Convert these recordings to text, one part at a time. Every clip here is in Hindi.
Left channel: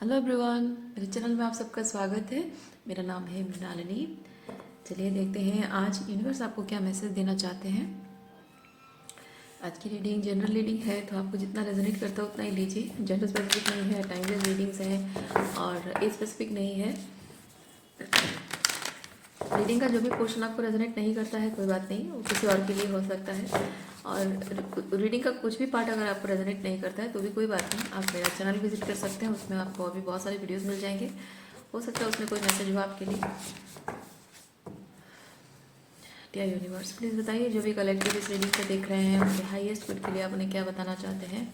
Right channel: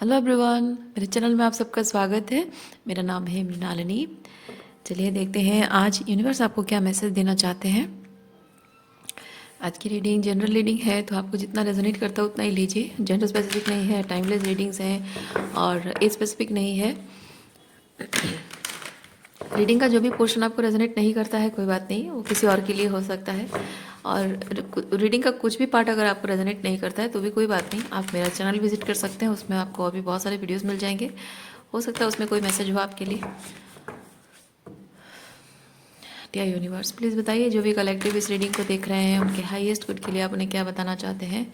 हेलो एवरीवन, मेरे चैनल में आप सबका स्वागत है। मेरा नाम है मृणालिनी। चलिए देखते हैं आज यूनिवर्स आपको क्या मैसेज देना चाहते हैं। आज की रीडिंग जनरल रीडिंग है, तो आपको जितना रेजोनेट करता है उतना ही लीजिए। जेंडर स्पेसिफिक नहीं है, टाइमलेस रीडिंग्स हैं और एज स्पेसिफिक नहीं है। रीडिंग का जो भी पोर्शन आपको रेजोनेट नहीं करता है कोई बात नहीं, वो किसी और के लिए हो सकता है। और रीडिंग का कुछ भी पार्ट अगर आपको रेजोनेट नहीं करता है तो भी कोई बात नहीं, आप मेरा चैनल विजिट कर सकते हैं। उसमें आपको अभी बहुत सारे वीडियोस मिल जाएंगे, हो सकता है उसमें कोई मैसेज हो आपके लिए। डियर यूनिवर्स, प्लीज़ बताइए जो भी कलेक्टिव इस रीडिंग को देख रहे हैं उनके हाईएस्ट गुड के लिए आप उन्हें क्या बताना चाहते हैं।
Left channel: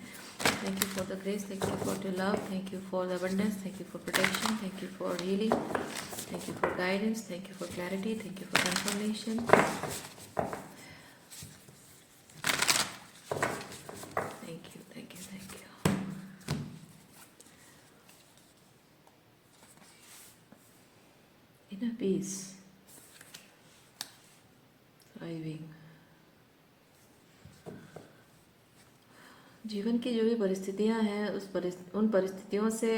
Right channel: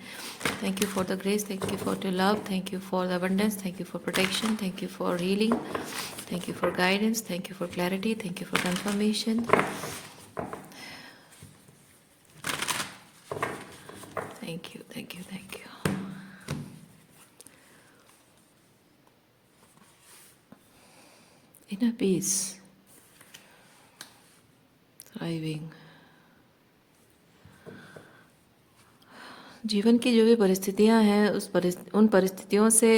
Thank you for the grace, thank you for your love, thank you for the abundance, thank you for protection, thank you for healing, thank you for guidance, thank you for clarity, thank you for confirmation. Thank you, thank you, thank you. Inner peace, thriving. जीवन की जो भी परिस्थितियां हैं उन परिस्थितियों से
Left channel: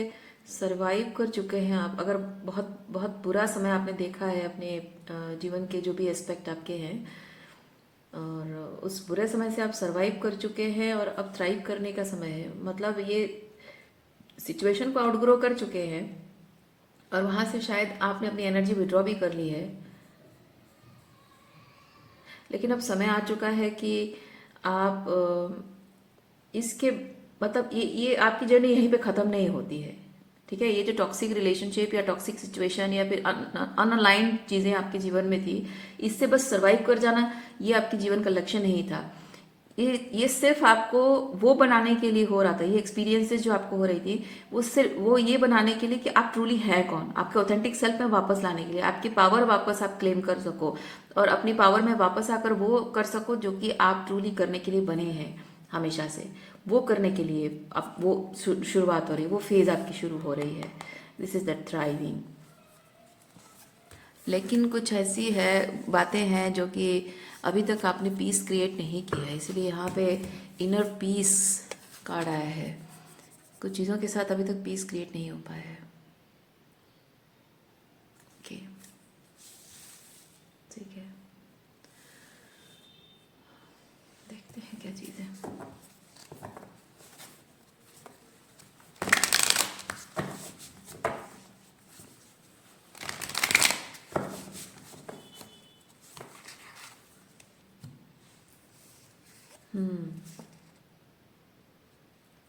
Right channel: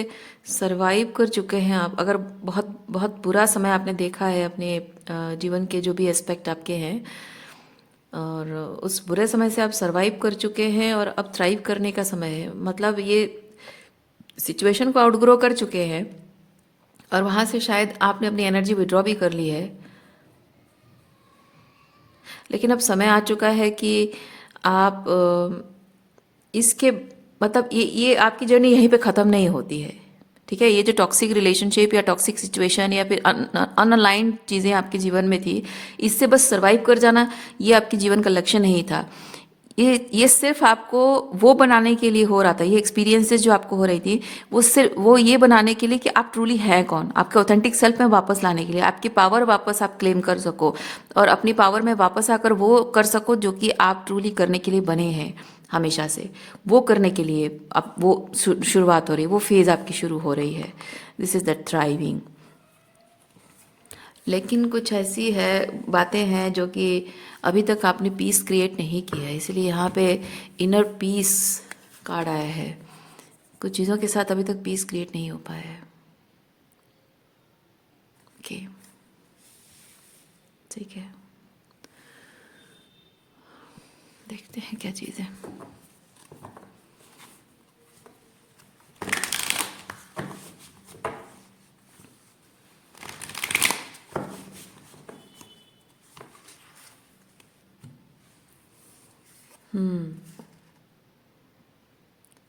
सरवाइव कर चुके हैं आप। अगर बहुत बहुत बुरा समय आपने देखा है अपने जीवन के जो भी एस्पेक्ट आपके हैं, और उस बुरे समय से आप सरवाइव कर चुके हैं और अब थ्राइव करने का समय है। मतलब ये सिचुएशन को आउटग्रो कर चुके हैं और वहाँ से शायद आपने अपनी एनर्जी विड्रॉ भी कर ली है, लेकिन अब समय आ चुका है कि आप इसके मतलब ये आपकी जर्नी यहीं पे ख़त्म नहीं होती है। ठीक है, ये जो टॉक्सिक रिलेशनशिप या टॉक्सिक सिचुएशन या फिर अनअलाइंड चीज़ें आपके जीवन में थी, इससे बस सरवाइव कर जाना ये आपके जीवन का लक्ष्य नहीं था। ये सिर्फ आपको वो बनाने के लिए हो रहा था। ये एक्सपीरियंसेस जो आपको हो रही थी वो सिर्फ वो ये बनाने के लिए कि आप ट्रूली है कौन, आपके ऑथेंटिक सेल्फ में वापस लाने के लिए, आपकी पावर वापस आप क्लेम कर सको और अपनी पावर में वापस आकर वो कर सको जो कि आप ट्रूली करने के लिए बने हैं हमेशा से। वो करने के लिए अब वो शुरुआत हो रही है, वो फेज़ आपकी शुरू हो रही है। This is the thriving. लेकिन कुछ ऐसी है बातें हैं जो कि अभी तक आपने पीस क्रिएट नहीं किया है, इसलिए यहाँ पे इनर पीस कार्ड आया है। कुछ चीज़ों के साथ अभी तक पीस क्रिएट नहीं हो पाया है। ओके, ठीक है, देखते हैं क्या चीज़ है।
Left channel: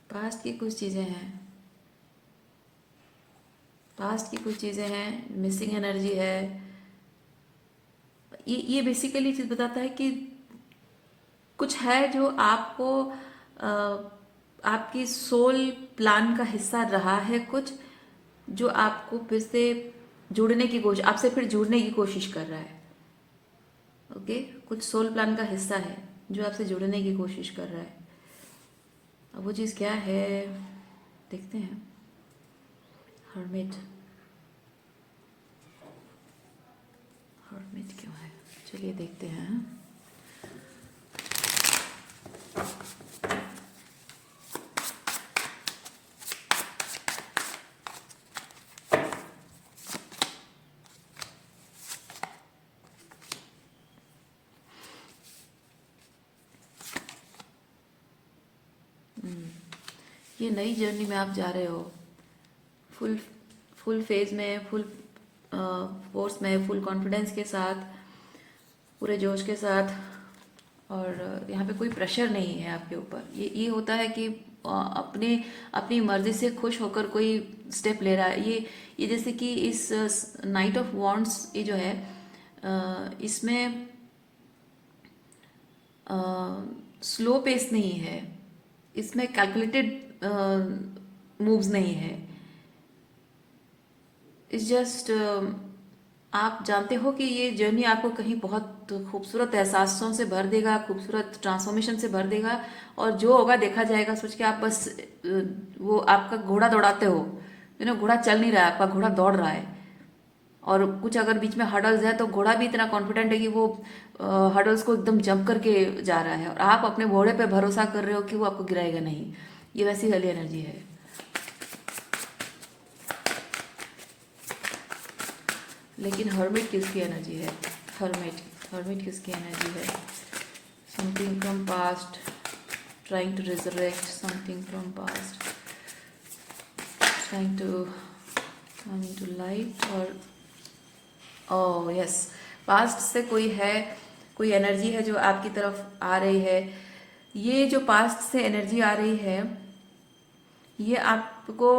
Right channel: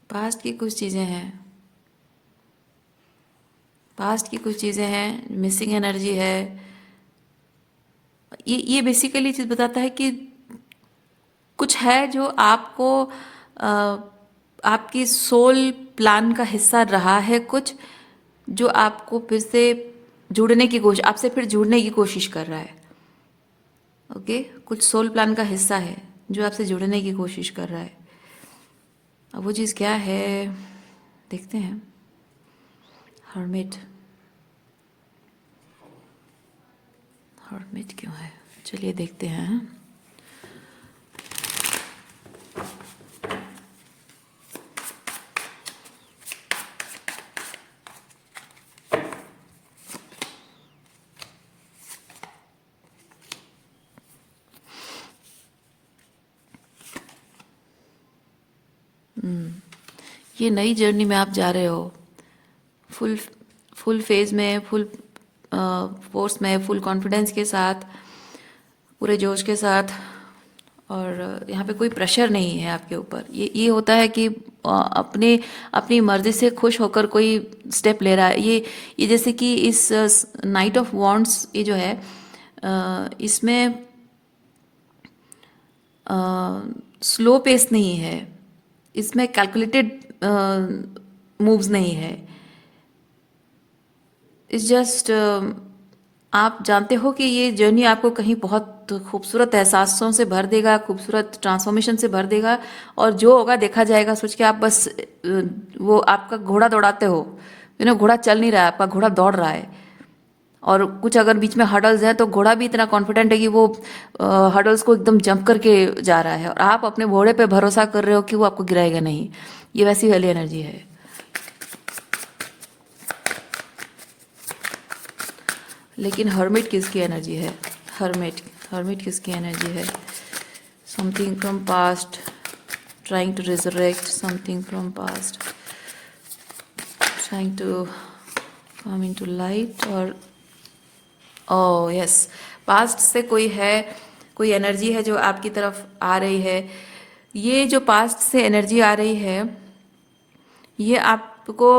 पास्ट की कुछ चीज़ें हैं, पास्ट की कुछ चीज़ें हैं, मिसिंग एनर्जी है। ये बेसिकली चीज़ बताता है कि कुछ है जो आपको अ, आपकी सोल प्लान का हिस्सा रहा है, कुछ जो आपको फिर से जुड़ने की कोशिश, आपसे फिर जुड़ने की कोशिश कर रहा है। ओके, कुछ सोल प्लान का हिस्सा है जो आपसे जुड़ने की कोशिश कर रहा है। अब वो चीज़ क्या है देखते हैं। हर्मिट, हर्मिट क्यों है, चलिए देखते हैं। ये नई जर्नी में आप जा रहे हो, फुल फुल फेज में, फुल फोर्स में, फुल कॉन्फिडेंस के साथ, पूरे जोश के साथ। और यहाँ पे कोई प्रेशर नहीं है आपके ऊपर। ये होता है कि अपने अपनी मर्जी से खुश होकर कोई स्टेप ले रहा है। ये जैसे कि इस नाइट ऑफ वॉन्ड्स ये जो है, इसमें स्लो पेस नहीं है, इसमें कैलकुलेटेड मूव्स नहीं है। इट्स जस्ट आप जानते हो कि ये जर्नी आपको कहीं बहुत खूबसूरत एहसासों से भर देगा, खूबसूरत ट्रांसफॉर्मेशन से भर देगा, और जो होगा देखा जाएगा सोच के आप बस वो आपका घोड़ा दौड़ाते हो। घोड़ा चल नहीं रहा है, आपका घोड़ा दौड़ रहा है। और कुछ अगर बीच में हडल्स है तो घोड़ा भी इतना कॉन्फिडेंट है कि वो हडल्स को एकदम जंप करके जा रहा है, और आप अपने घोड़े पे भरोसा कर रहे हो कि वो आपको गिराएगा नहीं। ये वैसी वाली एनर्जी है। लेकिन हर्मिट किसकी एनर्जी है? हर्मिट, हर्मिट किसकी एनर्जी है? Something from past, trying to resurrect something from past, trying to come into light, और ओह यस, पास्ट से कोई है, कोई एनर्जी है जो आपकी तरफ आ रही है। ये जो पास्ट से एनर्जी आ रही है, ये आपको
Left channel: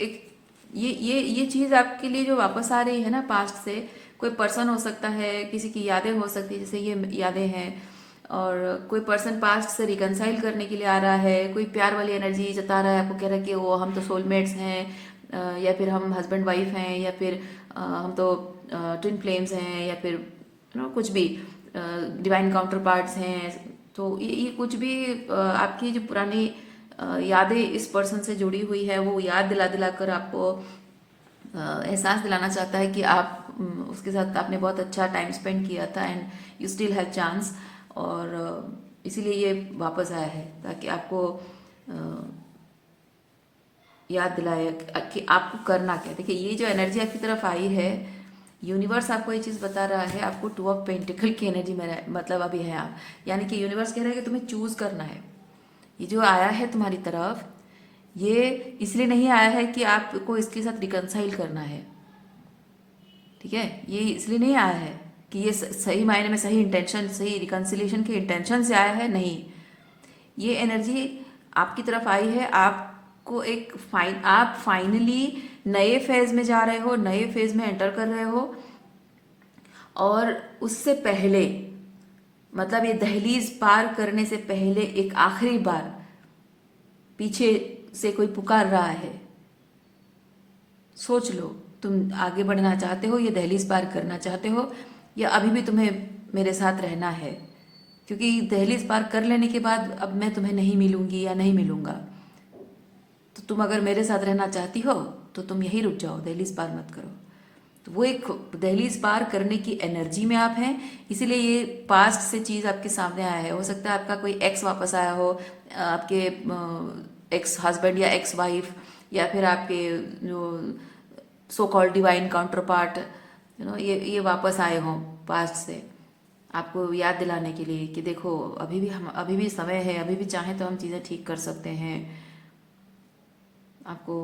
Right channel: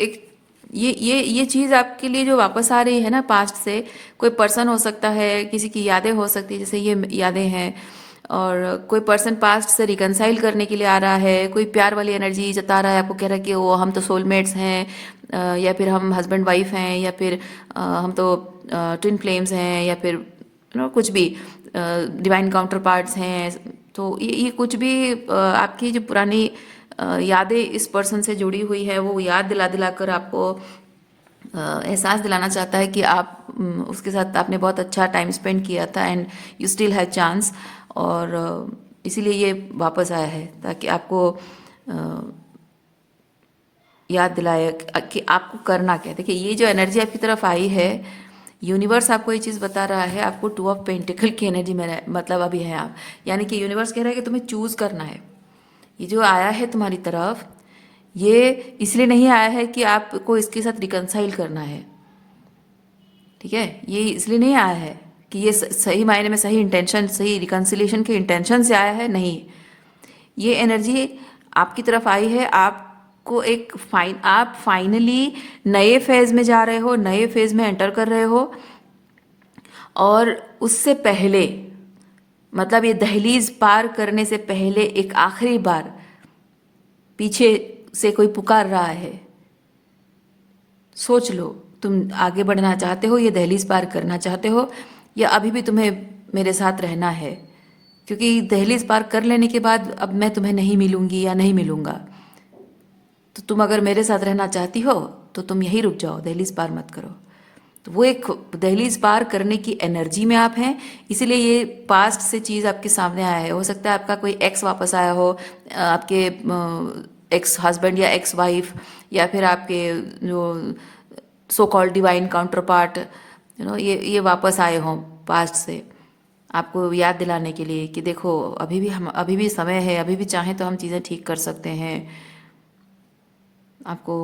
एक ये चीज़ आपके लिए जो वापस आ रही है ना पास्ट से, कोई पर्सन हो सकता है, किसी की यादें हो सकती है, जैसे ये यादें हैं, और कोई पर्सन पास्ट से रिकनसाइल करने के लिए आ रहा है, कोई प्यार वाली एनर्जी जता रहा है, आपको कह रहा है कि वो हम तो सोलमेट्स हैं, या फिर हम हस्बैंड वाइफ हैं, या फिर हम तो ट्विन फ्लेम्स हैं, या फिर कुछ भी डिवाइन काउंटर पार्ट्स हैं। तो ये कुछ भी आपकी जो पुरानी यादें इस पर्सन से जुड़ी हुई है, वो याद दिला दिला कर आपको एहसास दिलाना चाहता है कि आप उसके साथ आपने बहुत अच्छा टाइम स्पेंड किया था, and you still have chance. और इसीलिए ये वापस आया है, ताकि आपको याद दिलाए कि आपको करना क्या है। देखिए, ये जो एनर्जी आपकी तरफ आई है, यूनिवर्स आपको ये चीज़ बता रहा है, आपको 2 ऑफ पेंटिकल की एनर्जी में मतलब अभी है आप, यानी कि यूनिवर्स कह रहा है कि तुम्हें चूज़ करना है। ये जो आया है तुम्हारी तरफ, ये इसलिए नहीं आया है कि आपको इसके साथ रिकनसाइल करना है, ठीक है? ये इसलिए नहीं आया है कि ये सही मायने में सही इंटेंशन, सही रिकन्सिलिएशन के इंटेंशन से आया है, नहीं। ये एनर्जी आपकी तरफ आई है, आपको आप फाइनली नए फेज में जा रहे हो, नए फेज में एंटर कर रहे हो, और उससे पहले मतलब ये दहलीज पार करने से पहले एक आखिरी बार पीछे से कोई पुकार रहा है। सोच लो, तुम आगे बढ़ना चाहते हो, ये दहलीज पार करना चाहते हो, या अभी भी तुम्हें मेरे साथ रहना है? क्योंकि दहलीज पार कर लेने के बाद अब मैं तुम्हें नहीं मिलूंगी या नहीं मिलूंगा। तो तुम अगर मेरे साथ रहना चाहती हो तो तुम यहीं रुक जाओ, दहलीज पार मत करो। तो वो एक दहलीज पार करने की एनर्जी में आप हैं, इसीलिए ये पास्ट से चीज़ आपके सामने आया है। हो सकता है आपका कोई एक्स वापस आया हो, आपके एक्स हस्बैंड या एक्स वाइफ, या फिर आपके जो so called divine counter part, ये वापस आए हों पास्ट से, आपको याद दिलाने के लिए कि देखो अभी भी समय है, अभी भी चाहें तो हम चीज़ें ठीक कर सकते हैं, आपको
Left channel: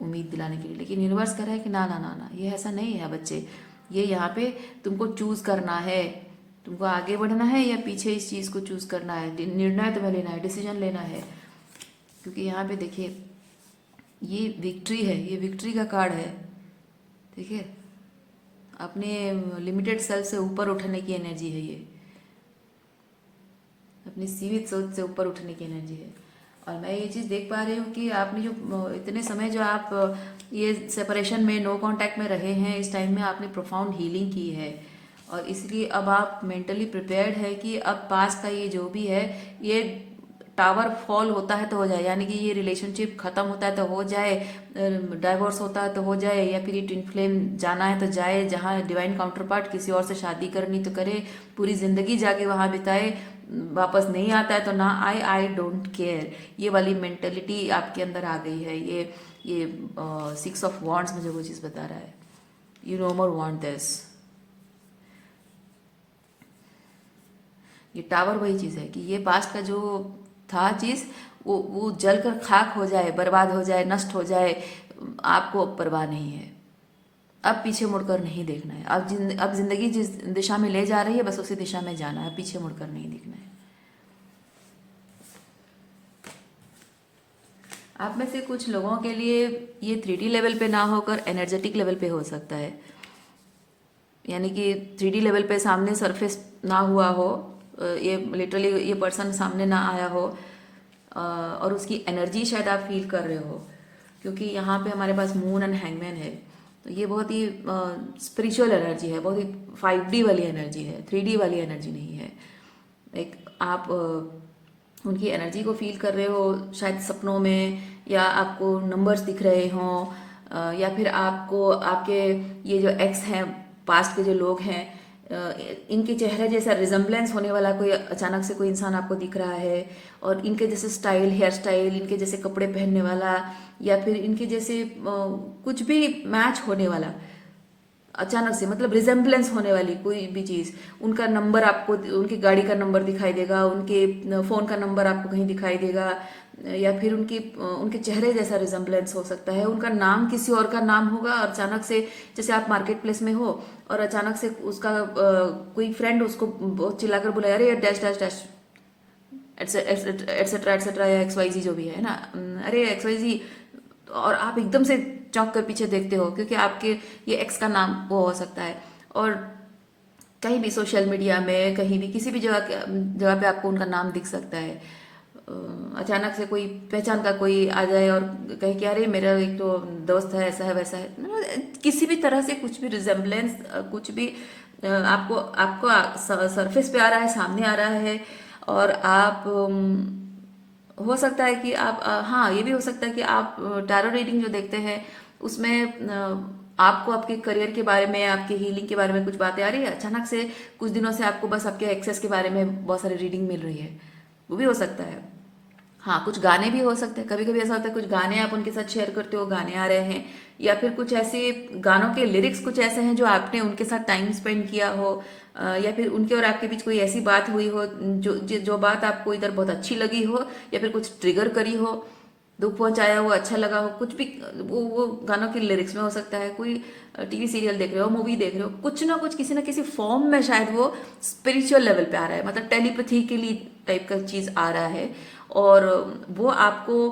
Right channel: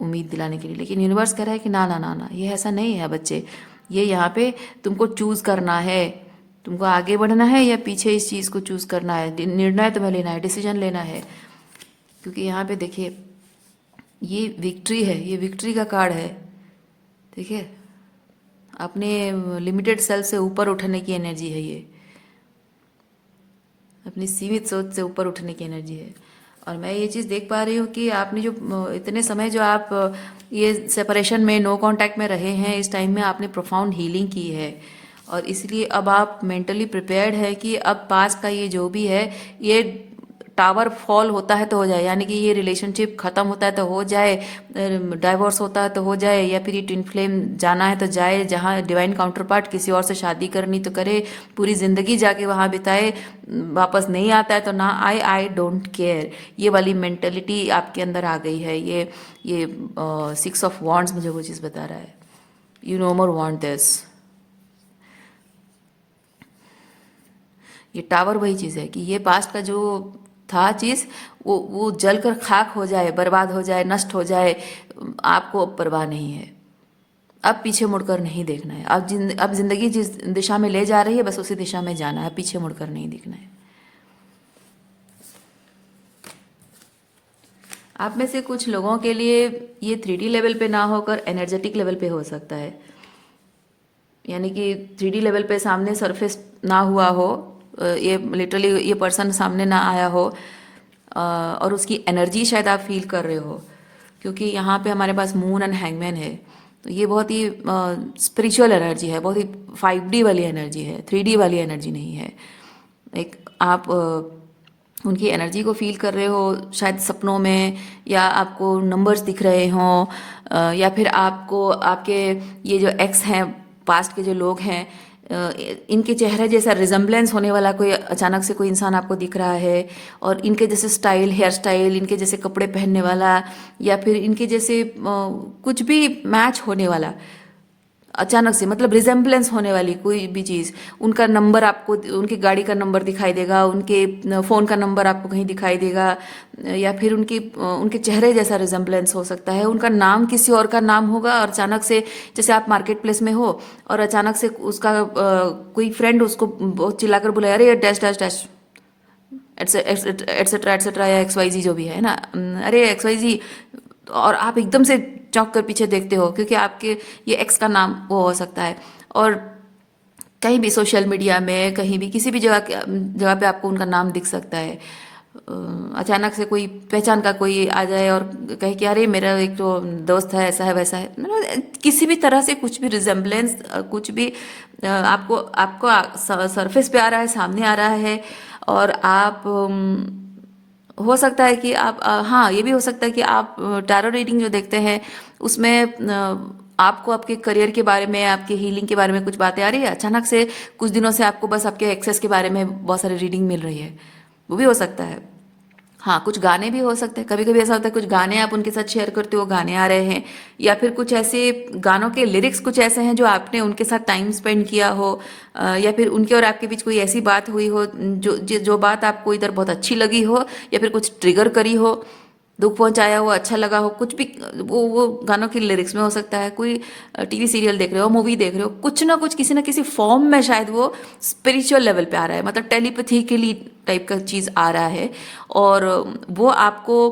उम्मीद दिलाने के लिए। लेकिन यूनिवर्स कह रहा है कि ना ना ना ना, ये ऐसा नहीं है बच्चे, ये यहाँ पे तुमको चूज करना है, तुमको आगे बढ़ना है या पीछे इस चीज़ को चूज करना है, निर्णय तुम्हें लेना है, डिसीजन लेना है। क्योंकि यहाँ पे देखिए, ये विक्ट्री है, ये विक्ट्री का कार्ड है, ठीक है? अपने लिमिटेड सेल्फ से ऊपर उठने की एनर्जी है ये, अपनी सीमित सोच से ऊपर उठने की एनर्जी है। और मैं ये चीज़ देख पा रही हूँ कि आपने जो इतने समय जो आप ये सेपरेशन में, नो कांटेक्ट में रहे हैं, इस टाइम में आपने प्रोफाउंड हीलिंग की है, और इसलिए अब आप मेंटली प्रिपेयर्ड है कि अब पास का ये जो भी है, ये टावर फॉल होता है तो हो जाए, यानी कि ये रिलेशनशिप खत्म होता है तो हो जाए, डाइवोर्स होता है तो हो जाए, या फिर ये ट्विन फ्लेम जाना है तो जाए, जहाँ डिवाइन काउंटर पार्ट किसी और से शादी करनी तो करे, पूरी जिंदगी जाके वहाँ बिताए, वापस नहीं आता है तो ना आए, आई डोंट केयर, ये वाली मेंटेलिटी आपके अंदर आ गई है। ये 6 ऑफ वॉन्ड्स मुझे वो चीज़ बता रहा है, you know more want this. ये टावर वही चीज़ है कि ये पास्ट का जो था चीज़, वो जल कर खाक हो जाए, बर्बाद हो जाए, नष्ट हो जाए, आपको अब परवाह नहीं है। अब पीछे मुड़कर नहीं देखना है। अब जिंदगी जिस दिशा में ले जा रही है, बस उसी दिशा में जाना है, पीछे मुड़कर नहीं देखना है। आप में से कुछ लोगों के लिए ये 3D लेवल पे ना होकर एनर्जेटिक लेवल पे हो सकता है, यानी कि 3D लेवल पे सामने सरफेस ना हुआ हो, ये लिटरली ये पर्सन सामने ना आया हो, और उसकी एनर्जी शायद आप फील कर रहे हो, क्योंकि यहाँ पे हमारे पास मून एंड हैंगमैन है। तो ये बहुत ही स्पिरिचुअल एनर्जी है, बहुत ही 5D वाली एनर्जी है, 3D वाली एनर्जी नहीं है। एक आप उनकी एनर्जी को फील कर रहे हो शायद सपनों में, या आपको नंबर्स दिख रहे हों, या फिर आपको आपके ये जो एक्स हैं, पास्ट के जो लोग हैं, इनके चेहरे जैसा रिजम्बलेंस होने वाला कोई अचानक से कोई इंसान आपको दिख रहा है, और इनके जैसे स्टाइल, हेयर स्टाइल, इनके जैसे कपड़े पहनने वाला, या फिर इनके जैसे कुछ भी मैच होने वाला, अचानक से, मतलब रिजेम्बलेंस होने वाली कोई भी चीज़, उनका नंबर आपको, उनकी गाड़ी का नंबर दिखाई देगा, उनके फ़ोन का नंबर आपको कहीं दिखाई देगा, या फिर उनके चेहरे जैसा रिजेम्बलेंस हो सकता है, उनका नाम किसी और का नाम होगा और अचानक से, जैसे आप मार्केट प्लेस में हो और अचानक से उसका कोई फ्रेंड उसको बहुत चिल्लाकर बोले, अरे ये dash dash dash etcetera etcetera, या XYZ जो भी है ना, अरे XYZ, और आप एकदम से चौंक कर पीछे देखते हो क्योंकि आपके ये एक्स का नाम वो हो सकता है। और कहीं भी सोशल मीडिया में, कहीं भी किसी भी जगह पे आपको उनका नाम दिख सकता है। अचानक से कोई पहचान का कोई आ जाए और कहे कि अरे मेरा एक तो दोस्त है, ऐसा है वैसा है, मतलब किसी भी तरह से कुछ भी रिजेम्बलेंस, कुछ भी आपको आपको सरफेस पे आ रहा है, सामने आ रहा है। और आप हो सकता है कि आप हाँ, ये भी हो सकता है कि आप टैरो रीडिंग जो देखते हैं उसमें आपको आपके करियर के बारे में, आपके हीलिंग के बारे में कुछ बातें आ रही है, अचानक से कुछ दिनों से आपको बस आपके एक्सेस के बारे में बहुत सारी रीडिंग मिल रही है, वो भी हो सकता है। हाँ, कुछ गाने भी हो सकते हैं, कभी कभी ऐसा होता है कुछ गाने आप उनके साथ शेयर करते हो, गाने आ रहे हैं, या फिर कुछ ऐसे गानों के लिरिक्स कुछ ऐसे हैं जो आपने उनके साथ टाइम स्पेंड किया हो, या फिर उनके और आपके बीच कोई ऐसी बात हुई हो जो बात आपको इधर बहुत अच्छी लगी हो, या फिर कुछ ट्रिगर करी हो, दुख पहुंचाया हो, अच्छा लगा हो, कुछ भी वो गानों की लिरिक्स में हो सकता है। कोई टीवी सीरियल देख रहे हो, मूवी देख रहे हो, कुछ ना कुछ किसी ना किसी फॉर्म में शायद वो स्पिरिचुअल लेवल पे आ रहा है, मतलब टेलीपैथिकली टाइप का चीज़ आ रहा है। और वो आपको,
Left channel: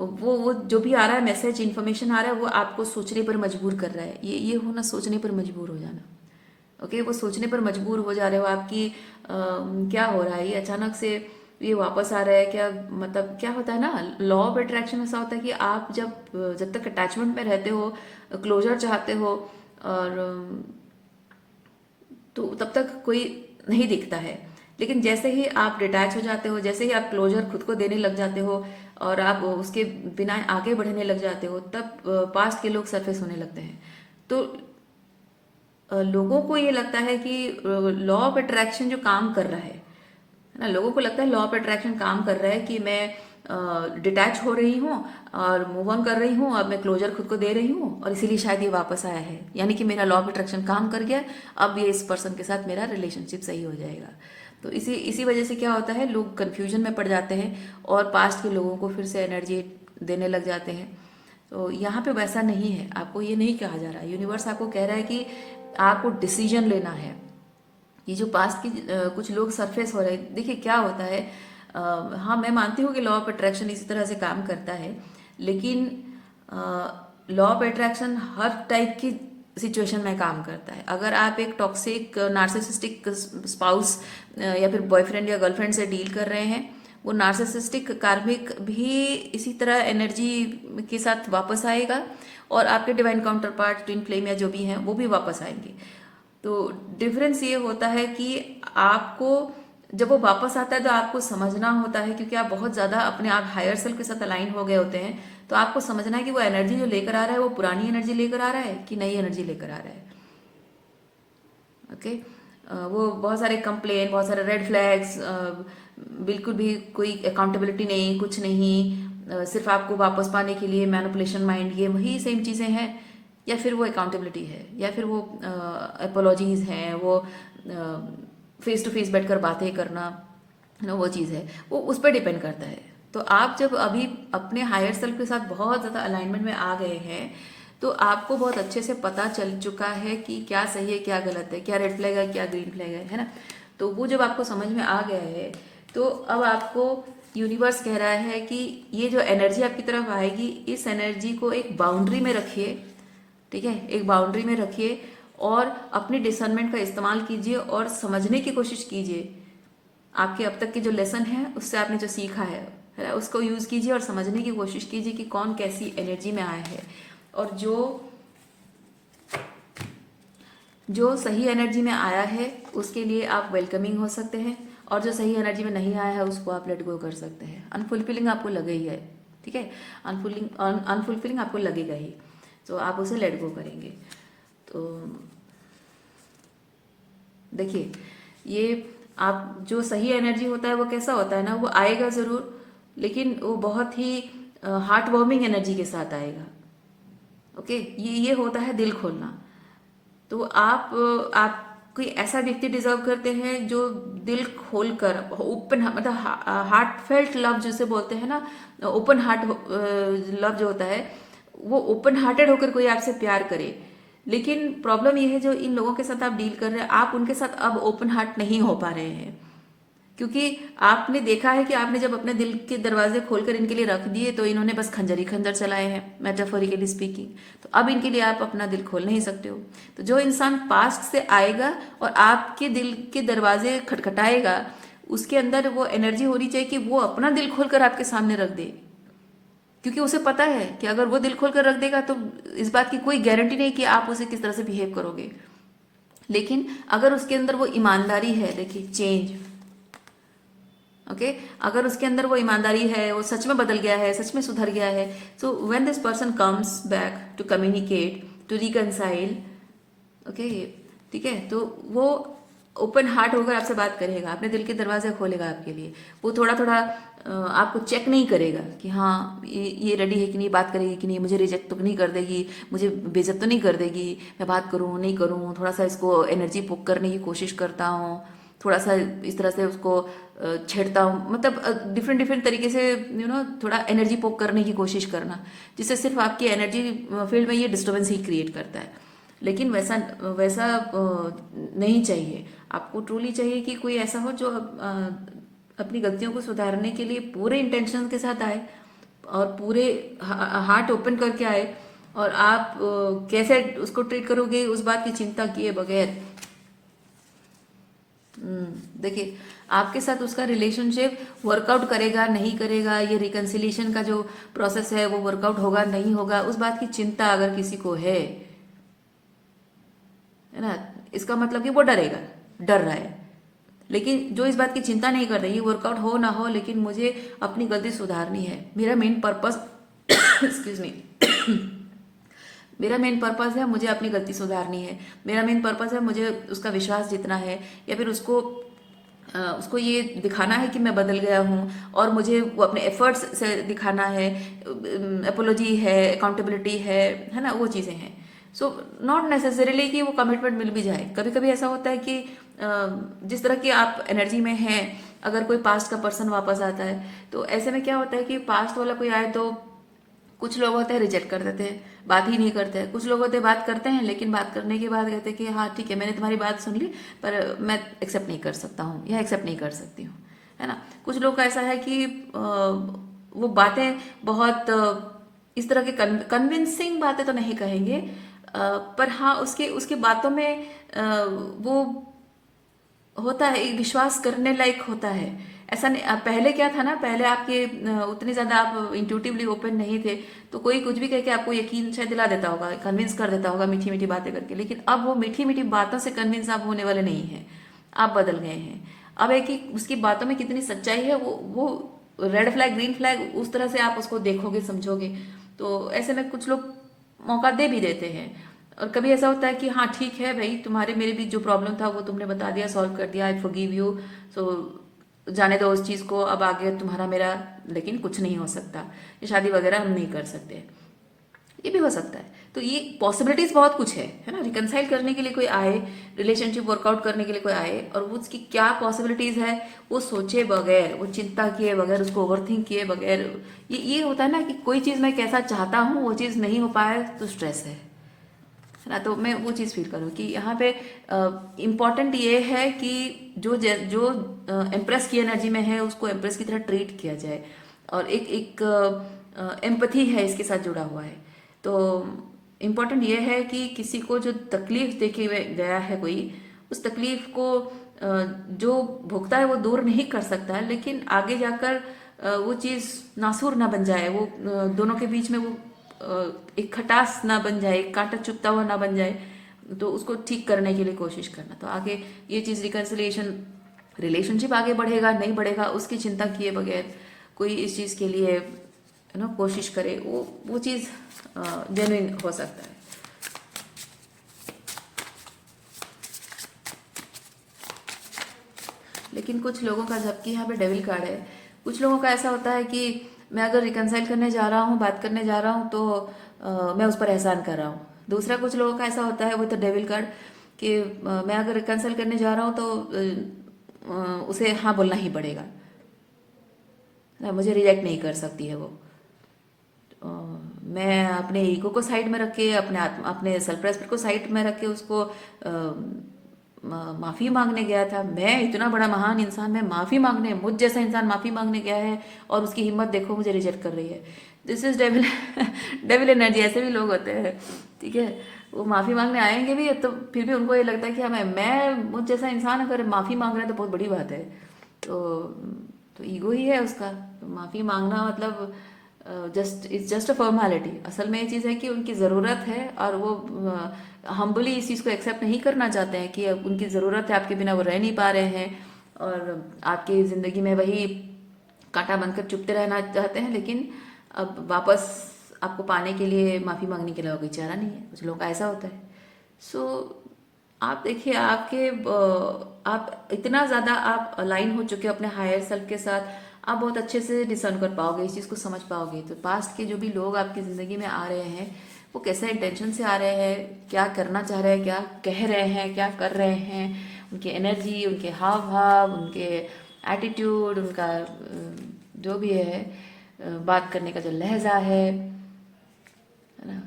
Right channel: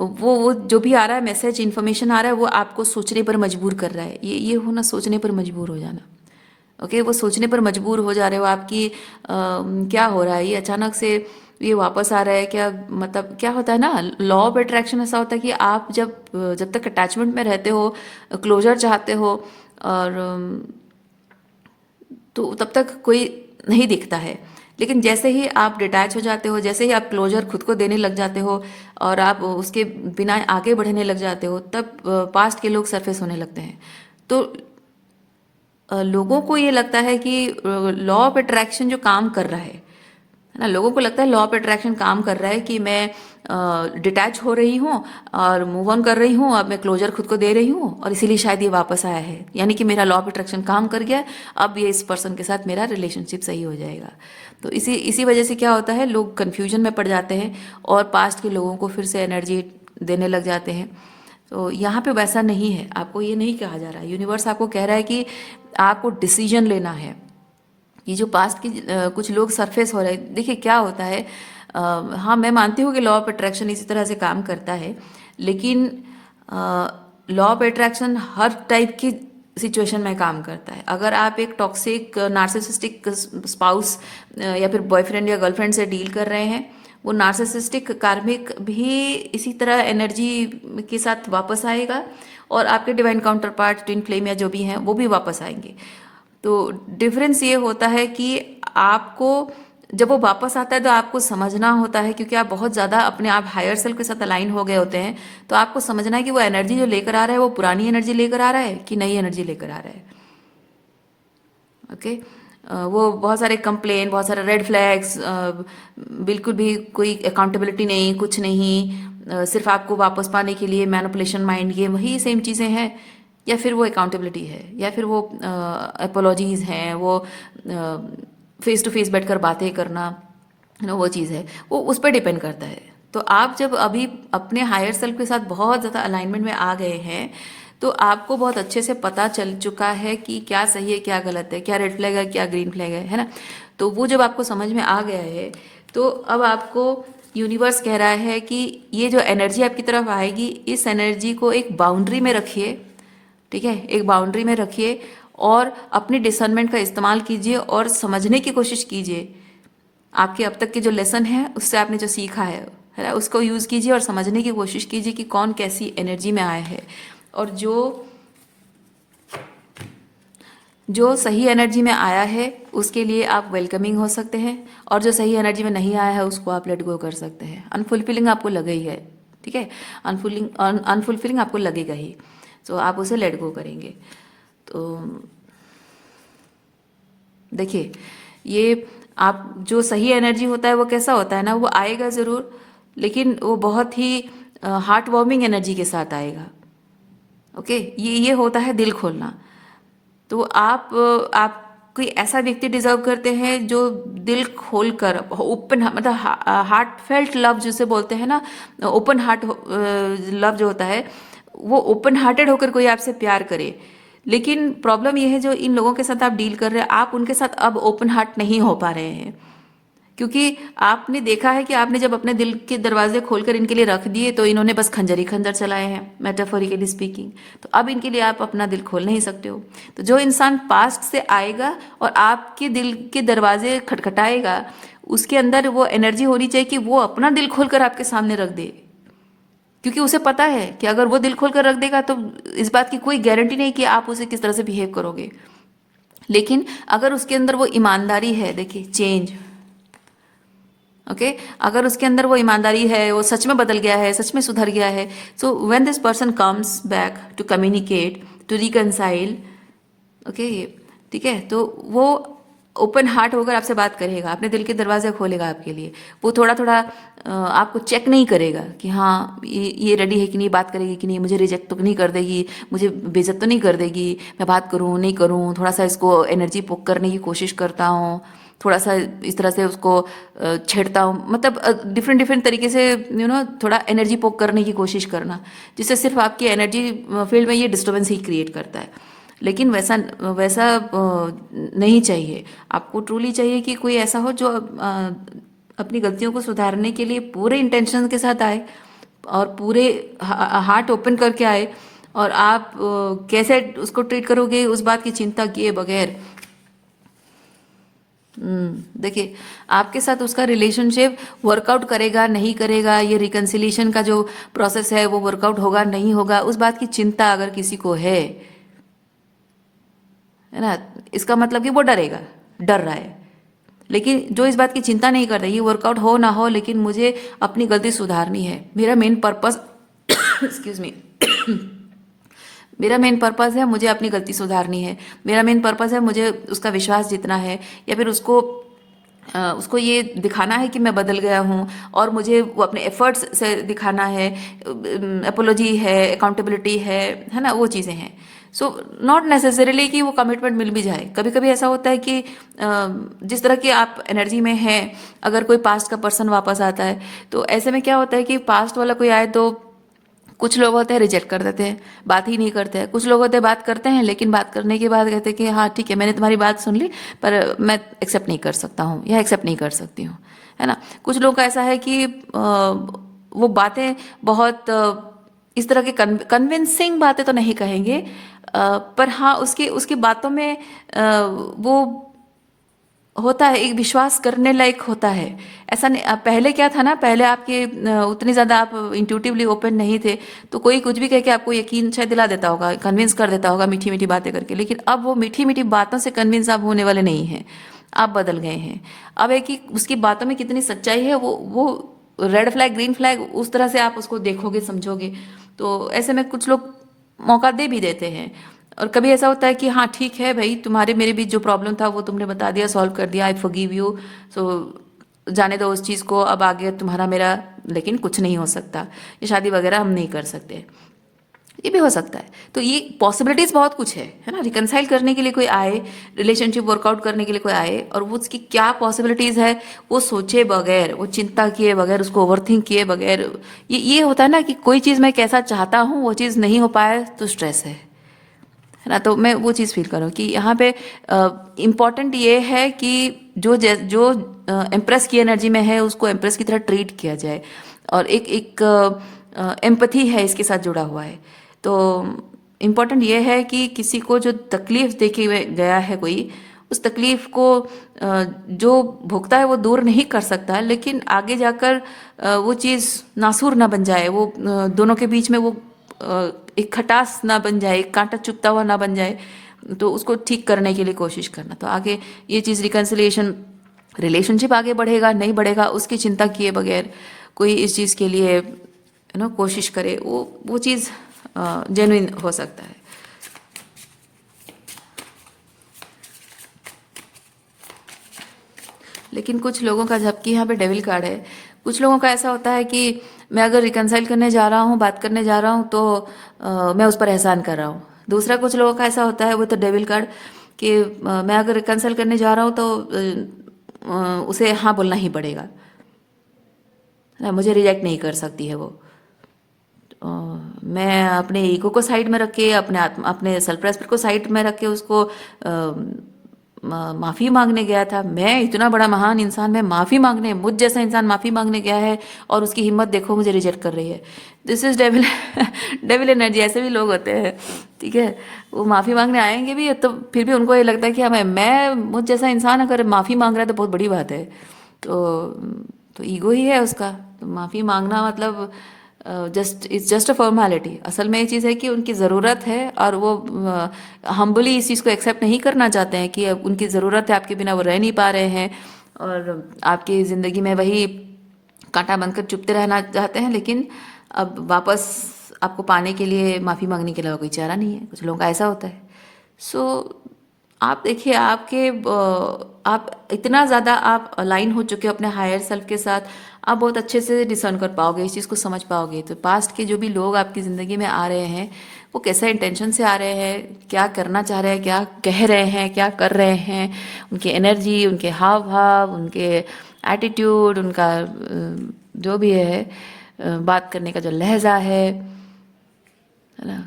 वो जो भी आ रहा है मैसेज, इन्फॉर्मेशन आ रहा है, वो आपको सोचने पर मजबूर कर रहा है। ये होना, सोचने पर मजबूर हो जाना। ओके, वो सोचने पर मजबूर हो जा रहे हो आपकी क्या हो रहा है, ये अचानक से ये वापस आ रहा है क्या, मतलब क्या होता है ना, लॉ ऑफ अट्रैक्शन ऐसा होता है कि आप जब तक अटैचमेंट में रहते हो, क्लोजर चाहते हो, और तो तब तक कोई नहीं दिखता है। लेकिन जैसे ही आप डिटैच हो जाते हो, जैसे ही आप क्लोजर खुद को देने लग जाते हो और आप उसके बिना आगे बढ़ने लग जाते हो, तब पास्ट के लोग सरफेस होने लगते हैं। तो लोगों को ये लगता है कि लॉ ऑफ अट्रैक्शन जो काम कर रहा है ना, लोगों को लगता है लॉ ऑफ अट्रैक्शन काम कर रहा है कि मैं डिटैच हो रही हूँ और मूव ऑन कर रही हूँ, अब मैं क्लोजर खुद को दे रही हूँ और इसीलिए शायद ये वापस आया है, यानी कि मेरा लॉ ऑफ अट्रैक्शन काम कर गया, अब ये इस पर्सन के साथ मेरा रिलेशनशिप सही हो जाएगा। तो इसी इसी वजह से क्या होता है, लोग कन्फ्यूजन में पड़ जाते हैं और पास्ट के लोगों को फिर से एनर्जी देने लग जाते हैं। तो यहाँ पे वैसा नहीं है, आपको ये नहीं कहा जा रहा है, यूनिवर्स आपको कह रहा है कि आपको डिसीजन लेना है। ये जो पास्ट की कुछ लोग सरफेस हो रहे हैं, देखिए क्या होता है, हाँ मैं मानती हूँ कि लॉ ऑफ अट्रैक्शन इसी तरह से काम करता है, लेकिन law of attraction her type की सिचुएशन में काम करता है। अगर आप एक टॉक्सिक नार्सिसिस्टिक स्पाउस या फिर बॉयफ्रेंड या गर्लफ्रेंड से डील कर रहे हैं, वो नार्सिसिस्टिक कार्मिक भी इसी तरह एनर्जी के साथ वापस आएगा, और आपके divine counter part, twin flame या जो भी हैं वो भी वापस आएंगे। तो डिफरेंस ये होता है कि आपको जब वो वापस आता है तो आपको समझना होता है, क्योंकि आप बहुत ज़्यादा अपने आप हायर सेल्फ के साथ अलाइन हो गए होते हैं, तो आपको समझना है कि वो एनर्जी जो लेकर आ रहा है वो पुरानी एनर्जी लेकर आ रहा है कि नई एनर्जी लेकर आ रहा है। ओके, वो बहुत सारे कंप्लेन, बहुत सारे रेड फ्लैग्स, बिल्कुल भी कोई अकाउंटेबिलिटी नहीं, कुछ नहीं, सिर्फ आपको वापस पाने के लिए मैनिपुलेशन माइंड, ये वही सेम चीज़ें हैं, या फिर वो अकाउंटेबिलिटी है, या फिर वो अपोलॉजीज हैं, वो फेस टू फेस बैठकर बातें करना, वो चीज़ है, वो उस पर डिपेंड करता है। तो आप जब अभी अपने हायर सेल्फ के साथ बहुत ज़्यादा अलाइनमेंट में आ गए हैं, तो आपको बहुत अच्छे से पता चल चुका है कि क्या सही है, क्या गलत है, क्या रेड फ्लैग है, क्या ग्रीन फ्लैग है ना। तो वो जब आपको समझ में आ गया है, तो अब आपको यूनिवर्स कह रहा है कि ये जो एनर्जी आपकी तरफ आएगी, इस एनर्जी को एक बाउंड्री में रखिए, ठीक है, एक बाउंड्री में रखिए, और अपने डिसर्नमेंट का इस्तेमाल कीजिए और समझने की कोशिश कीजिए। आपके अब तक के जो लेसन है, उससे आपने जो सीखा है ना, उसको यूज़ कीजिए और समझने की कोशिश कीजिए कि कौन कैसी एनर्जी में आया है, और जो सही एनर्जी में आया है उसके लिए आप वेलकमिंग हो सकते हैं, और जो सही एनर्जी में नहीं आया है उसको आप लेट गो कर सकते हैं। अनफुलफिलिंग आपको लगे ही है, ठीक है, अनफुलफिलिंग आपको लगेगा ही, तो आप उसे लेट गो करेंगे। तो देखिए, ये आप जो सही एनर्जी होता है वो कैसा होता है ना, वो आएगा ज़रूर, लेकिन वो बहुत ही हार्ट वार्मिंग एनर्जी के साथ आएगा। ओके, ये होता है दिल खोलना। तो आप कोई ऐसा व्यक्ति डिजर्व करते हैं जो दिल खोलकर ओपन, मतलब हार्ट फेल्ट लव जिसे बोलते हैं ना, ओपन हार्ट लव जो होता है, वो ओपन हार्टेड होकर कोई आपसे प्यार करे। लेकिन प्रॉब्लम ये है जो इन लोगों के साथ आप डील कर रहे हैं, आप उनके साथ अब ओपन हार्ट नहीं हो पा रहे हैं, क्योंकि आपने देखा है कि आपने जब अपने दिल के दरवाजे खोलकर इनके लिए रख दिए तो इन्होंने बस खंजर ही खंजर चलाए हैं, मेटाफोरिकली स्पीकिंग। तो अब इनके लिए आप अपना दिल खोल नहीं सकते हो। तो जो इंसान पास्ट से आएगा और आपके दिल के दरवाजे खटखटाएगा, उसके अंदर वो एनर्जी होनी चाहिए कि वो अपना दिल खोलकर आपके सामने रख दे, क्योंकि उसे पता है कि अगर वो दिल खोलकर रख देगा तो इस बात की कोई गारंटी नहीं कि आप उसे किस तरह से बिहेव करोगे। लेकिन अगर उसके अंदर वो ईमानदारी है, देखिए चेंज, ओके अगर उसके अंदर वो ईमानदारी है, वो सच में बदल गया है, सच में सुधर गया है, so when this person comes back to communicate, to reconcile, okay ठीक है, तो वो ओपन हार्ट होकर आपसे बात करेगा, अपने दिल के दरवाजे खोलेगा आपके लिए। वो थोड़ा थोड़ा आपको चेक नहीं करेगा कि हाँ ये रेडी है कि नहीं, बात करेगी कि नहीं, मुझे रिजेक्ट तो नहीं कर देगी, मुझे बेइज्जत तो नहीं कर देगी, मैं बात करूँ नहीं करूँ, थोड़ा सा इसको एनर्जी पोक करने की कोशिश करता हूँ, थोड़ा सा इस तरह से उसको छेड़ता हूँ, मतलब डिफरेंट डिफरेंट तरीके से थोड़ा एनर्जी पोक करने की कोशिश करना, जिससे सिर्फ आपकी एनर्जी फील्ड में ये डिस्टर्बेंस ही क्रिएट करता है। लेकिन वैसा वैसा नहीं चाहिए। आपको ट्रूली चाहिए कि कोई ऐसा हो जो अपनी गलतियों को सुधारने के लिए पूरे इंटेंशन के साथ आए और पूरे हार्ट ओपन करके आए, और आप कैसे उसको ट्रीट करोगे उस बात की चिंता किए बगैर। देखिए आपके साथ उसका रिलेशनशिप वर्कआउट करेगा नहीं करेगा, ये रिकन्सिलिएशन का जो प्रोसेस है वो वर्कआउट होगा नहीं होगा, उस बात की चिंता अगर किसी को है ना, इसका मतलब कि वो डरेगा, डर रहा है। लेकिन जो इस बात की चिंता नहीं कर रही, वर्कआउट हो ना हो, लेकिन मुझे अपनी गलती सुधारनी है, मेरा मेन पर्पस एक्सक्यूज मी मेरा मेन पर्पस है मुझे अपनी गलती सुधारनी है, मेरा मेन पर्पस है मुझे उसका विश्वास जीतना है, या फिर उसको ये दिखाना है कि मैं बदल गया हूँ, और मुझे वो अपने एफर्ट्स से दिखाना है, अपोलॉजी है, अकाउंटेबिलिटी है ना, वो चीज़ें हैं। सो नॉट नेसेसरीली कि वो कमिटमेंट मिल भी जाए। कभी कभी ऐसा होता है कि जिस तरह के आप एनर्जी में हैं, अगर कोई पास्ट का पर्सन वापस आता है तो ऐसे में क्या होता है कि पास्ट वाला कोई आए तो कुछ लोग होते हैं रिजेक्ट कर देते हैं, बात ही नहीं करते हैं। कुछ लोग होते हैं बात करते हैं, लेकिन बात करने के बाद कहते हैं कि हाँ ठीक है मैंने तुम्हारी बात सुन ली, पर मैं एक्सेप्ट नहीं कर सकता हूँ या एक्सेप्ट नहीं कर सकती हूँ, है ना। कुछ लोग का ऐसा है कि वो बातें बहुत इस तरह के कन्विंसिंग बातें तो नहीं कहेंगे, पर हाँ उसकी उसकी बातों में वो होता है, एक विश्वास करने लायक होता है। ऐसा नहीं, पहले क्या था ना, पहले आपके उतनी ज़्यादा आप इंट्यूटिवली ओपन नहीं थे, तो कोई कुछ भी कह के आपको यकीन शायद दिला देता होगा, कन्विंस कर देता होगा मीठी मीठी बातें करके। लेकिन अब वो मीठी मीठी बातों से कन्विंस आप होने वाले नहीं हैं, आप बदल गए हैं। अब है कि उसकी बातों में कितनी सच्चाई है, वो रेड फ्लैग ग्रीन फ्लैग उस तरह से आप उसको देखोगे समझोगे। तो ऐसे में कुछ लोग मौका दे भी देते हैं। और कभी ऐसा होता है कि हाँ ठीक है भाई, तुम्हारे मेरे बीच जो प्रॉब्लम था वो तुमने बता दिया, सॉल्व कर दिया, आई फॉरगिव यू, सो जाने दो उस चीज़ को, अब आगे तुम्हारा मेरा लेकिन कुछ नहीं हो सकता, ये शादी वगैरह हम नहीं कर सकते, ये भी हो सकता है। तो ये पॉसिबिलिटीज बहुत कुछ है ना। रिकनसाइल करने के लिए कोई आए, रिलेशनशिप वर्कआउट करने के लिए कोई आए, और वो उसकी क्या पॉसिबिलिटीज है वो सोचे बगैर, वो चिंता किए बगैर, उसको ओवरथिंक किए बगैर। ये होता है ना कि कोई चीज़ मैं कैसा चाहता हूँ वो चीज़ नहीं हो पाए तो स्ट्रेस है ना। तो मैं वो चीज़ फील करूँ कि यहाँ पे इम्पॉर्टेंट ये है कि जो एम्प्रेस की एनर्जी में है उसको एम्प्रेस की तरह ट्रीट किया जाए, और एक एक एम्पथी है इसके साथ जुड़ा हुआ है। तो इम्पॉर्टेंट ये है कि किसी को जो तकलीफ देखे हुए गया है कोई, उस तकलीफ को जो भुगता है वो दूर नहीं कर सकता, लेकिन आगे जाकर वो चीज़ नासूर ना बन जाए, वो दोनों के बीच में वो एक खटास ना बन जाए, एक कांटा चुभता हुआ ना बन जाए, तो उसको ठीक करने के लिए कोशिश करना। तो आगे ये चीज़ रिकन्सिलिएशन, रिलेशनशिप आगे बढ़ेगा नहीं बढ़ेगा उसकी चिंता किए बगैर कोई इस चीज़ के लिए कोशिश करे, वो चीज़ जेन्युइन हो सकता है। लेकिन कुछ लोगों का, जबकि यहाँ पे डेविल कार्ड है, कुछ लोगों का ऐसा होता है कि मैं अगर रिकनसाइल करने जा रहा हूँ, बात करने जा रहा हूँ, तो मैं उस पर एहसान कर रहा हूँ, दूसरा कुछ लोगों का ऐसा होता है, वो तो डेविल कार्ड, कि मैं अगर कैंसिल करने जा रहा हूँ तो उसे हाँ बोलना ही पड़ेगा, है ना, मुझे रिजेक्ट नहीं कर सकती है वो। अ, मैं अपने ईगो को साइड में रख के, अपने सेल्फ रेस्पेक्ट को साइड में रख के उसको माफ़ी मांगने गया था। मैं इतना बड़ा महान इंसान, मैं माफ़ी मांगने, मुझ जैसा इंसान माफ़ी मांगने गया है, और उसकी हिम्मत देखो मुझे रिजेक्ट कर रही है। This is devil, devil energy. ऐसे भी लोग होते हैं, ठीक है। वो माफ़ी मांगने आएंगे भी तो फिर भी उनको ये लगता है कि हाँ, मैं मुझ जैसा इंसान अगर माफ़ी मांग रहा है तो बहुत बड़ी बात है। तो ईगो ही है उसका। तो माफ़ी मांगना मतलब इट्स जस्ट अ फॉर्मेलिटी। असल में ये चीज़ है कि उनकी ज़रूरत है, और वो हम्बली इस चीज़ को एक्सेप्ट नहीं करना चाहते हैं कि अब उनकी ज़रूरत है, आपके बिना वो रह नहीं पा रहे हैं, और आपकी ज़िंदगी में वही कांटा बनकर चुभते रहना चाहते हैं। लेकिन अब वापस आपको पाने के लिए माफ़ी मांगने के अलावा कोई चारा नहीं है। कुछ लोगों का ऐसा होता है। सो आप देखिए, आप इतना ज़्यादा आप अलाइन हो चुके हो अपने हायर सेल्फ के साथ, आप बहुत अच्छे से डिसर्न कर पाओगे, इस चीज़ को समझ पाओगे। तो पास्ट के जो भी लोग आपकी ज़िंदगी में आ रहे हैं, वो कैसा इंटेंशन से आ रहे हैं, क्या करना चाह रहे हैं, क्या कह रहे हैं, क्या कर रहे हैं, उनकी एनर्जी, उनके हाव भाव, उनके एटीट्यूड, उनका जो भी है, बात करने का जो लहजा है ना।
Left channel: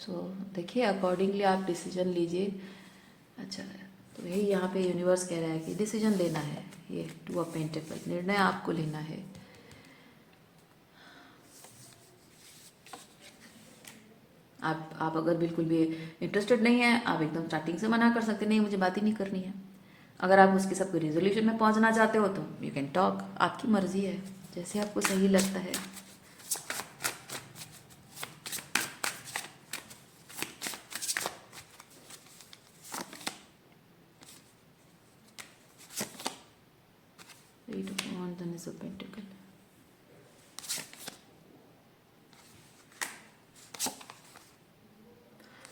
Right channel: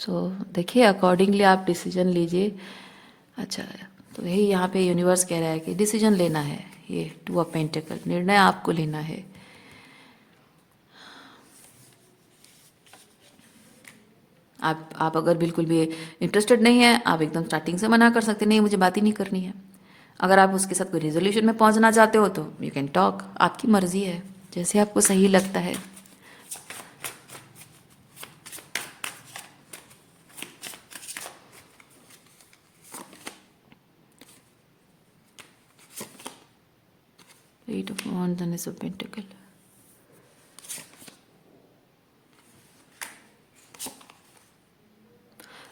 तो देखिए, अकॉर्डिंगली आप डिसीजन लीजिए। अच्छा, तो यही यहाँ पे यूनिवर्स कह रहा है कि डिसीजन लेना है। ये टू ऑफ पेंटिकल, निर्णय आपको लेना है। आप अगर बिल्कुल भी इंटरेस्टेड नहीं है, आप एकदम स्टार्टिंग से मना कर सकते, नहीं मुझे बात ही नहीं करनी है। अगर आप उसके साथ कोई रिजोल्यूशन में पहुंचना चाहते हो तो यू कैन टॉक, आपकी मर्जी है, जैसे आपको सही लगता है। Eight of wands and Ace of Pentacle।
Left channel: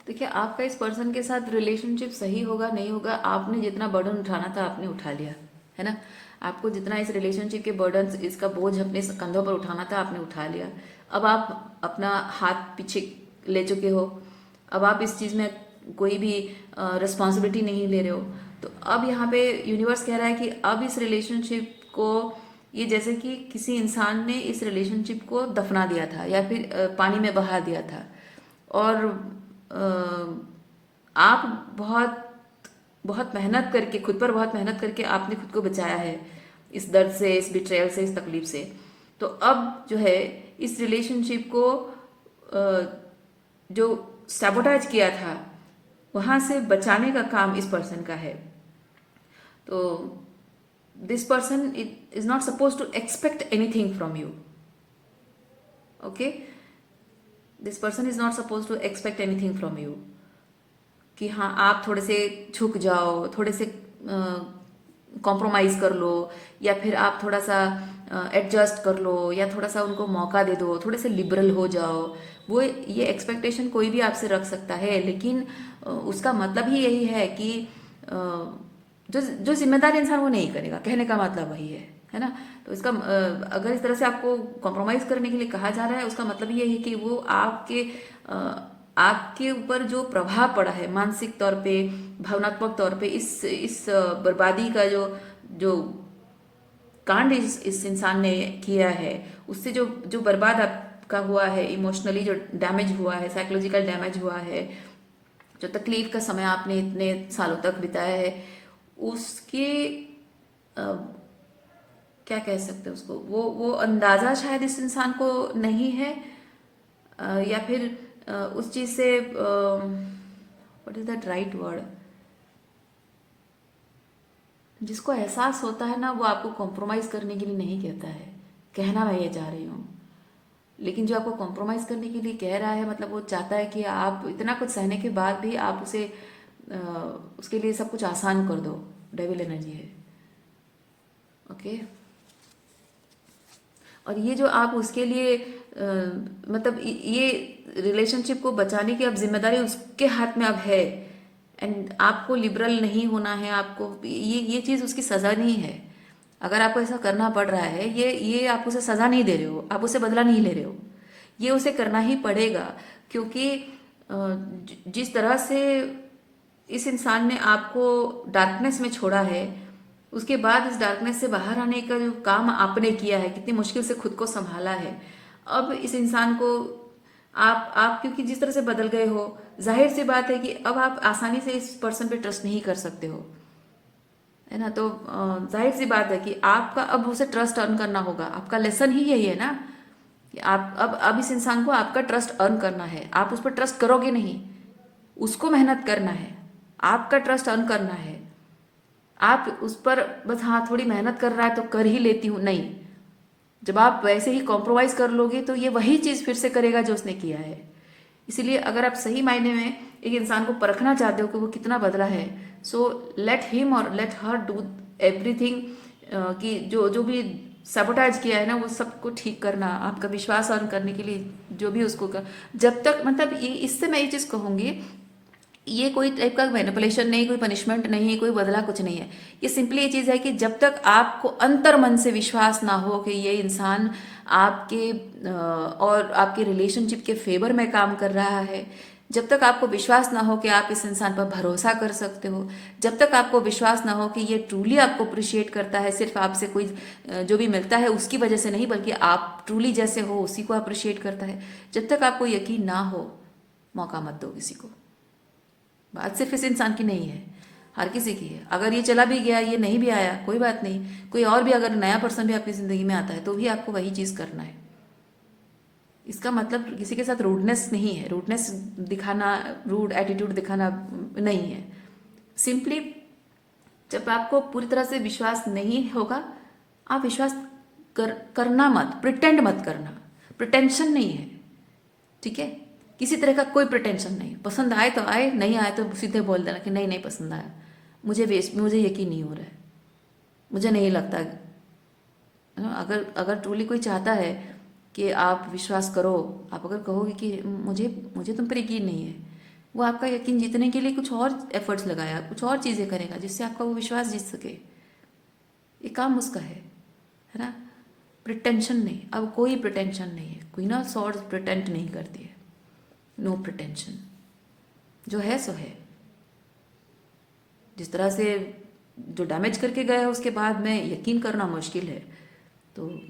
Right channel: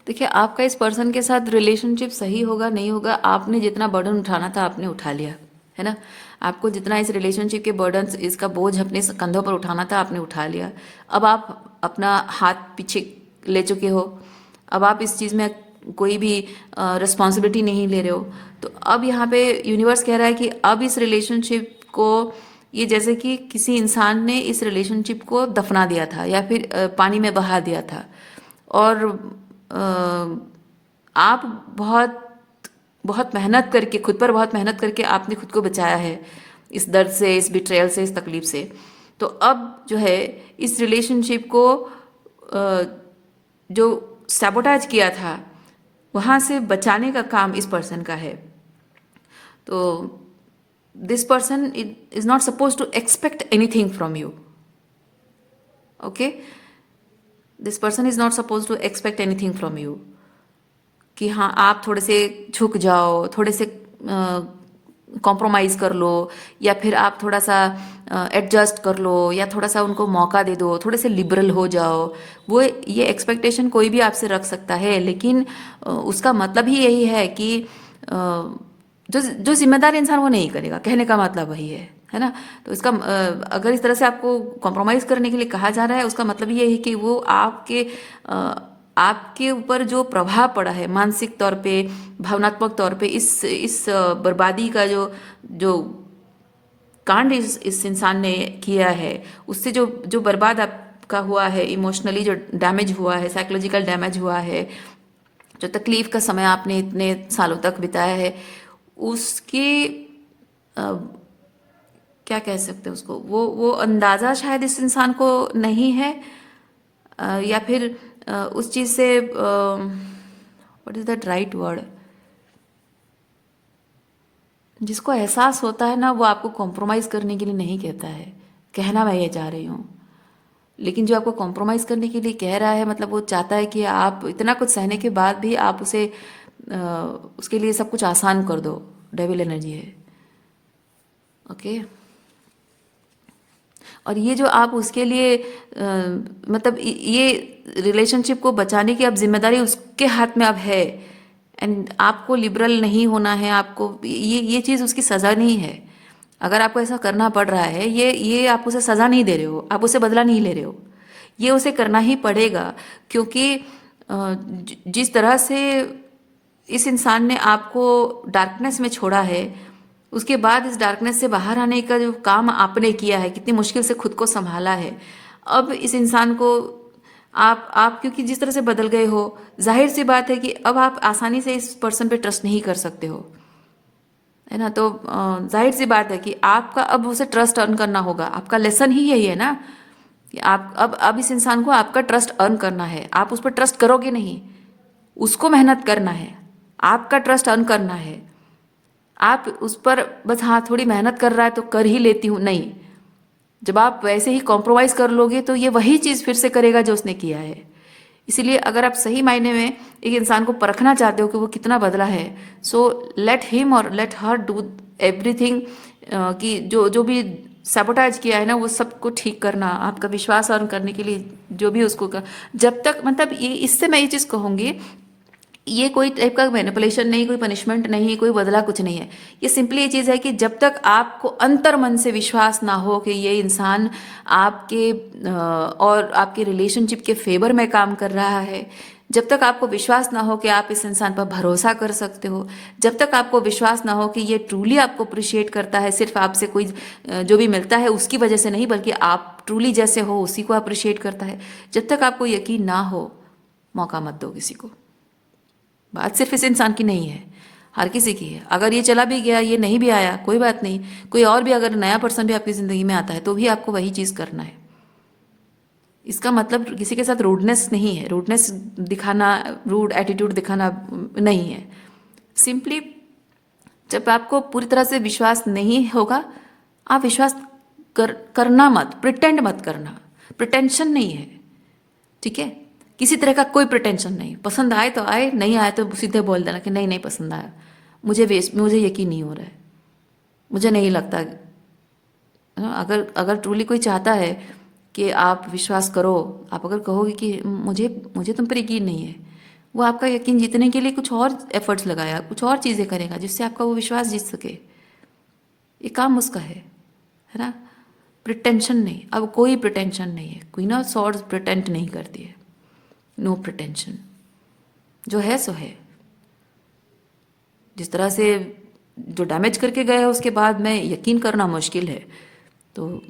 देखिए, आपका इस पर्सन के साथ रिलेशनशिप सही होगा नहीं होगा, आपने जितना बर्डन उठाना था आपने उठा लिया, है ना। आपको जितना इस रिलेशनशिप के बर्डन, इसका बोझ अपने कंधों पर उठाना था आपने उठा लिया। अब आप अपना हाथ पीछे ले चुके हो। अब आप इस चीज़ में कोई भी रिस्पॉन्सिबिलिटी नहीं ले रहे हो। तो अब यहाँ पे यूनिवर्स कह रहा है कि अब इस रिलेशनशिप को, ये जैसे कि किसी इंसान ने इस रिलेशनशिप को दफना दिया था या फिर पानी में बहा दिया था, और आप बहुत बहुत मेहनत करके, खुद पर बहुत मेहनत करके आपने खुद को बचाया है इस दर्द से, इस बिट्रेयल से, इस तकलीफ से। तो अब जो है, इस रिलेशनशिप को जो सैबोटाज किया था, वहाँ से बचाने का काम इस पर्सन का है। तो this person is not suppose to expect anything from you, okay. This person is not suppose to expect anything from you, कि हाँ आप थोड़े से झुक जाओ, थोड़े से कॉम्प्रोमाइज़ कर लो, या फिर आप थोड़ा सा एडजस्ट कर लो, या थोड़ा सा उनको मौका दे दो, थोड़े से लिबरल हो जाओ। वो ये एक्सपेक्टेशन कोई भी आपसे रख सकता है, लेकिन उसका मतलब ही यही है कि जो जो जिम्मेदार इंसान वो नहीं करेगा, कहने का मतलब वही है ना। तो इसका अगर इस तरह से आपको कॉम्प्रोमाइज़ करने के लिए कहा जा रहा है, उसका मतलब ये है कि वो आपके ऊपर जो प्रभाव पड़ा है मानसिक तौर पे, भावनात्मक तौर पे, इस बर्बादी का जो जो कांड इस इंसान ने किया है, उससे जो जो बर्बाद आपका हुआ है, इमोशनली जो डैमेज हुआ है, साइकोलॉजिकल डैमेज हुआ है, जो तकलीफ का समय आपने इतने सालों तक बिताया है, उसकी अ, क्या कह सकते हैं उसको, वो अंदाज़ा शायद इस इंसान को नहीं है, या फिर उस चीज़ से, what is that right word, जिसको एहसास होता है ना, वो आपको कॉम्प्रोमाइज़ करने के लिए नहीं कहता है, कहना मैं ये चाह रही हूँ। लेकिन जो आपको कॉम्प्रोमाइज़ करने के लिए कह रहा है, मतलब वो चाहता है कि आप इतना कुछ सहने के बाद भी आप उसके लिए सब कुछ आसान कर दो। डेविल एनर्जी है, ओके। और ये जो आप उसके लिए मतलब ये रिलेशनशिप को बचाने की अब जिम्मेदारी उसके हाथ में अब है, एंड आपको लिबरल नहीं होना है। आपको ये चीज़ उसकी सज़ा नहीं है। अगर आपको ऐसा करना पड़ रहा है, ये आप उसे सज़ा नहीं दे रहे हो, आप उसे बदला नहीं ले रहे हो, ये उसे करना ही पड़ेगा। क्योंकि जिस तरह से इस इंसान ने आपको डार्कनेस में छोड़ा है, उसके बाद इस डार्कनेस से बाहर आने का जो काम आपने किया है, कितनी मुश्किल से खुद को संभाला है, अब इस इंसान को आप क्योंकि जिस तरह से बदल गए हो, जाहिर सी बात है कि अब आप आसानी से इस पर्सन पे ट्रस्ट नहीं कर सकते हो, है ना। तो जाहिर सी बात है कि आपका अब उसे ट्रस्ट अर्न करना होगा। आपका लेसन ही यही है ना कि आप अब इस इंसान को आपका ट्रस्ट अर्न करना है। आप उस पर ट्रस्ट करोगे नहीं, उसको मेहनत करना है, आपका ट्रस्ट अर्न करना है। आप उस पर बस हाँ थोड़ी मेहनत कर रहा है तो कर ही लेती हूँ, नहीं। जब आप वैसे ही कॉम्प्रोमाइज़ कर लोगे तो ये वही चीज़ फिर से करेगा जो उसने किया है। इसीलिए अगर आप सही मायने में एक इंसान को परखना चाहते हो कि वो कितना बदला है, सो लेट हिम और लेट हर डू एवरीथिंग, कि जो जो भी सैबोटाइज किया है ना वो सबको ठीक करना, आपका विश्वास अर्न करने के लिए जो भी उसको कर, जब तक मतलब ये इससे मैं ये चीज़ कहूँगी, ये कोई टाइप का मैनिपुलेशन नहीं, कोई पनिशमेंट नहीं, कोई बदला कुछ नहीं है। ये सिंपली ये चीज़ है कि जब तक आपको अंतर मन से विश्वास ना हो कि ये इंसान आपके और आपके रिलेशनशिप के फेवर में काम कर रहा है, जब तक आपको विश्वास ना हो कि आप इस इंसान पर भरोसा कर सकते हो, जब तक आपको विश्वास ना हो कि ये ट्रूली आपको अप्रिशिएट करता है, सिर्फ आपसे कोई जो भी मिलता है उसकी वजह से नहीं, बल्कि आप ट्रूली जैसे हो उसी को अप्रिशिएट करता है, जब तक आपको यकीन ना हो, मौका मत दो किसी को। बात सिर्फ इस इंसान की नहीं है, हर किसी की है। अगर ये चला भी गया, ये नहीं भी आया, कोई बात नहीं, कोई और भी अगर नया पर्सन भी आपकी ज़िंदगी में आता है तो भी आपको वही चीज़ करना है। इसका मतलब किसी के साथ रूडनेस नहीं है, रूडनेस दिखाना, रूड एटीट्यूड दिखाना नहीं है। सिंपली जब आपको पूरी तरह से विश्वास नहीं होगा, आप विश्वास करना मत, प्रिटेंड मत करना, प्रिटेंशन नहीं है, ठीक है। किसी तरह का कोई प्रिटेंशन नहीं, पसंद आए तो आए, नहीं आए तो सीधे बोल देना कि नहीं नहीं पसंद आया, मुझे यकीन नहीं हो रहा है, मुझे नहीं लगता, है ना। अगर अगर ट्रूली कोई चाहता है कि आप विश्वास करो, आप अगर कहोगे कि मुझे मुझे तुम पर यकीन नहीं है, वो आपका यकीन जीतने के लिए कुछ और एफर्ट्स लगाया, कुछ और चीज़ें करेगा जिससे आपका वो विश्वास जीत सके। ये काम उसका है ना। प्रिटेंशन नहीं, अब कोई प्रिटेंशन नहीं है, क्वीन ऑफ सॉर्ड्स प्रिटेंट नहीं करती है, नो प्रिटेंशन, जो है सो है। जिस तरह से जो डैमेज करके गए हैं उसके बाद में यकीन करना मुश्किल है, तो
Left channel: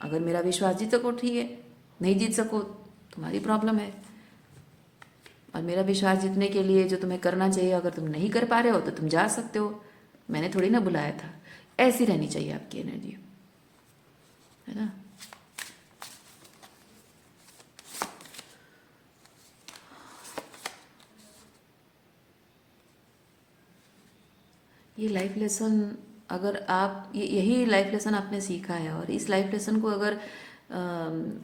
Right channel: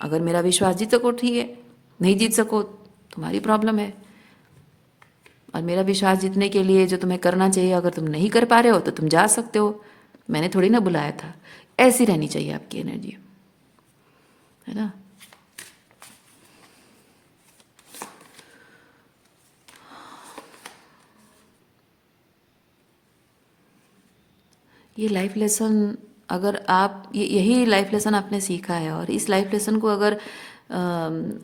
अगर मेरा विश्वास जीत सको ठीक है, नहीं जीत सको तुम्हारी प्रॉब्लम है। और मेरा विश्वास जीतने के लिए जो तुम्हें करना चाहिए, अगर तुम नहीं कर पा रहे हो तो तुम जा सकते हो, मैंने थोड़ी ना बुलाया था। ऐसी रहनी चाहिए आपकी एनर्जी, है ना। ये लाइफ लेसन, अगर आप यही लाइफ लेसन आपने सीखा है और इस लाइफ लेसन को अगर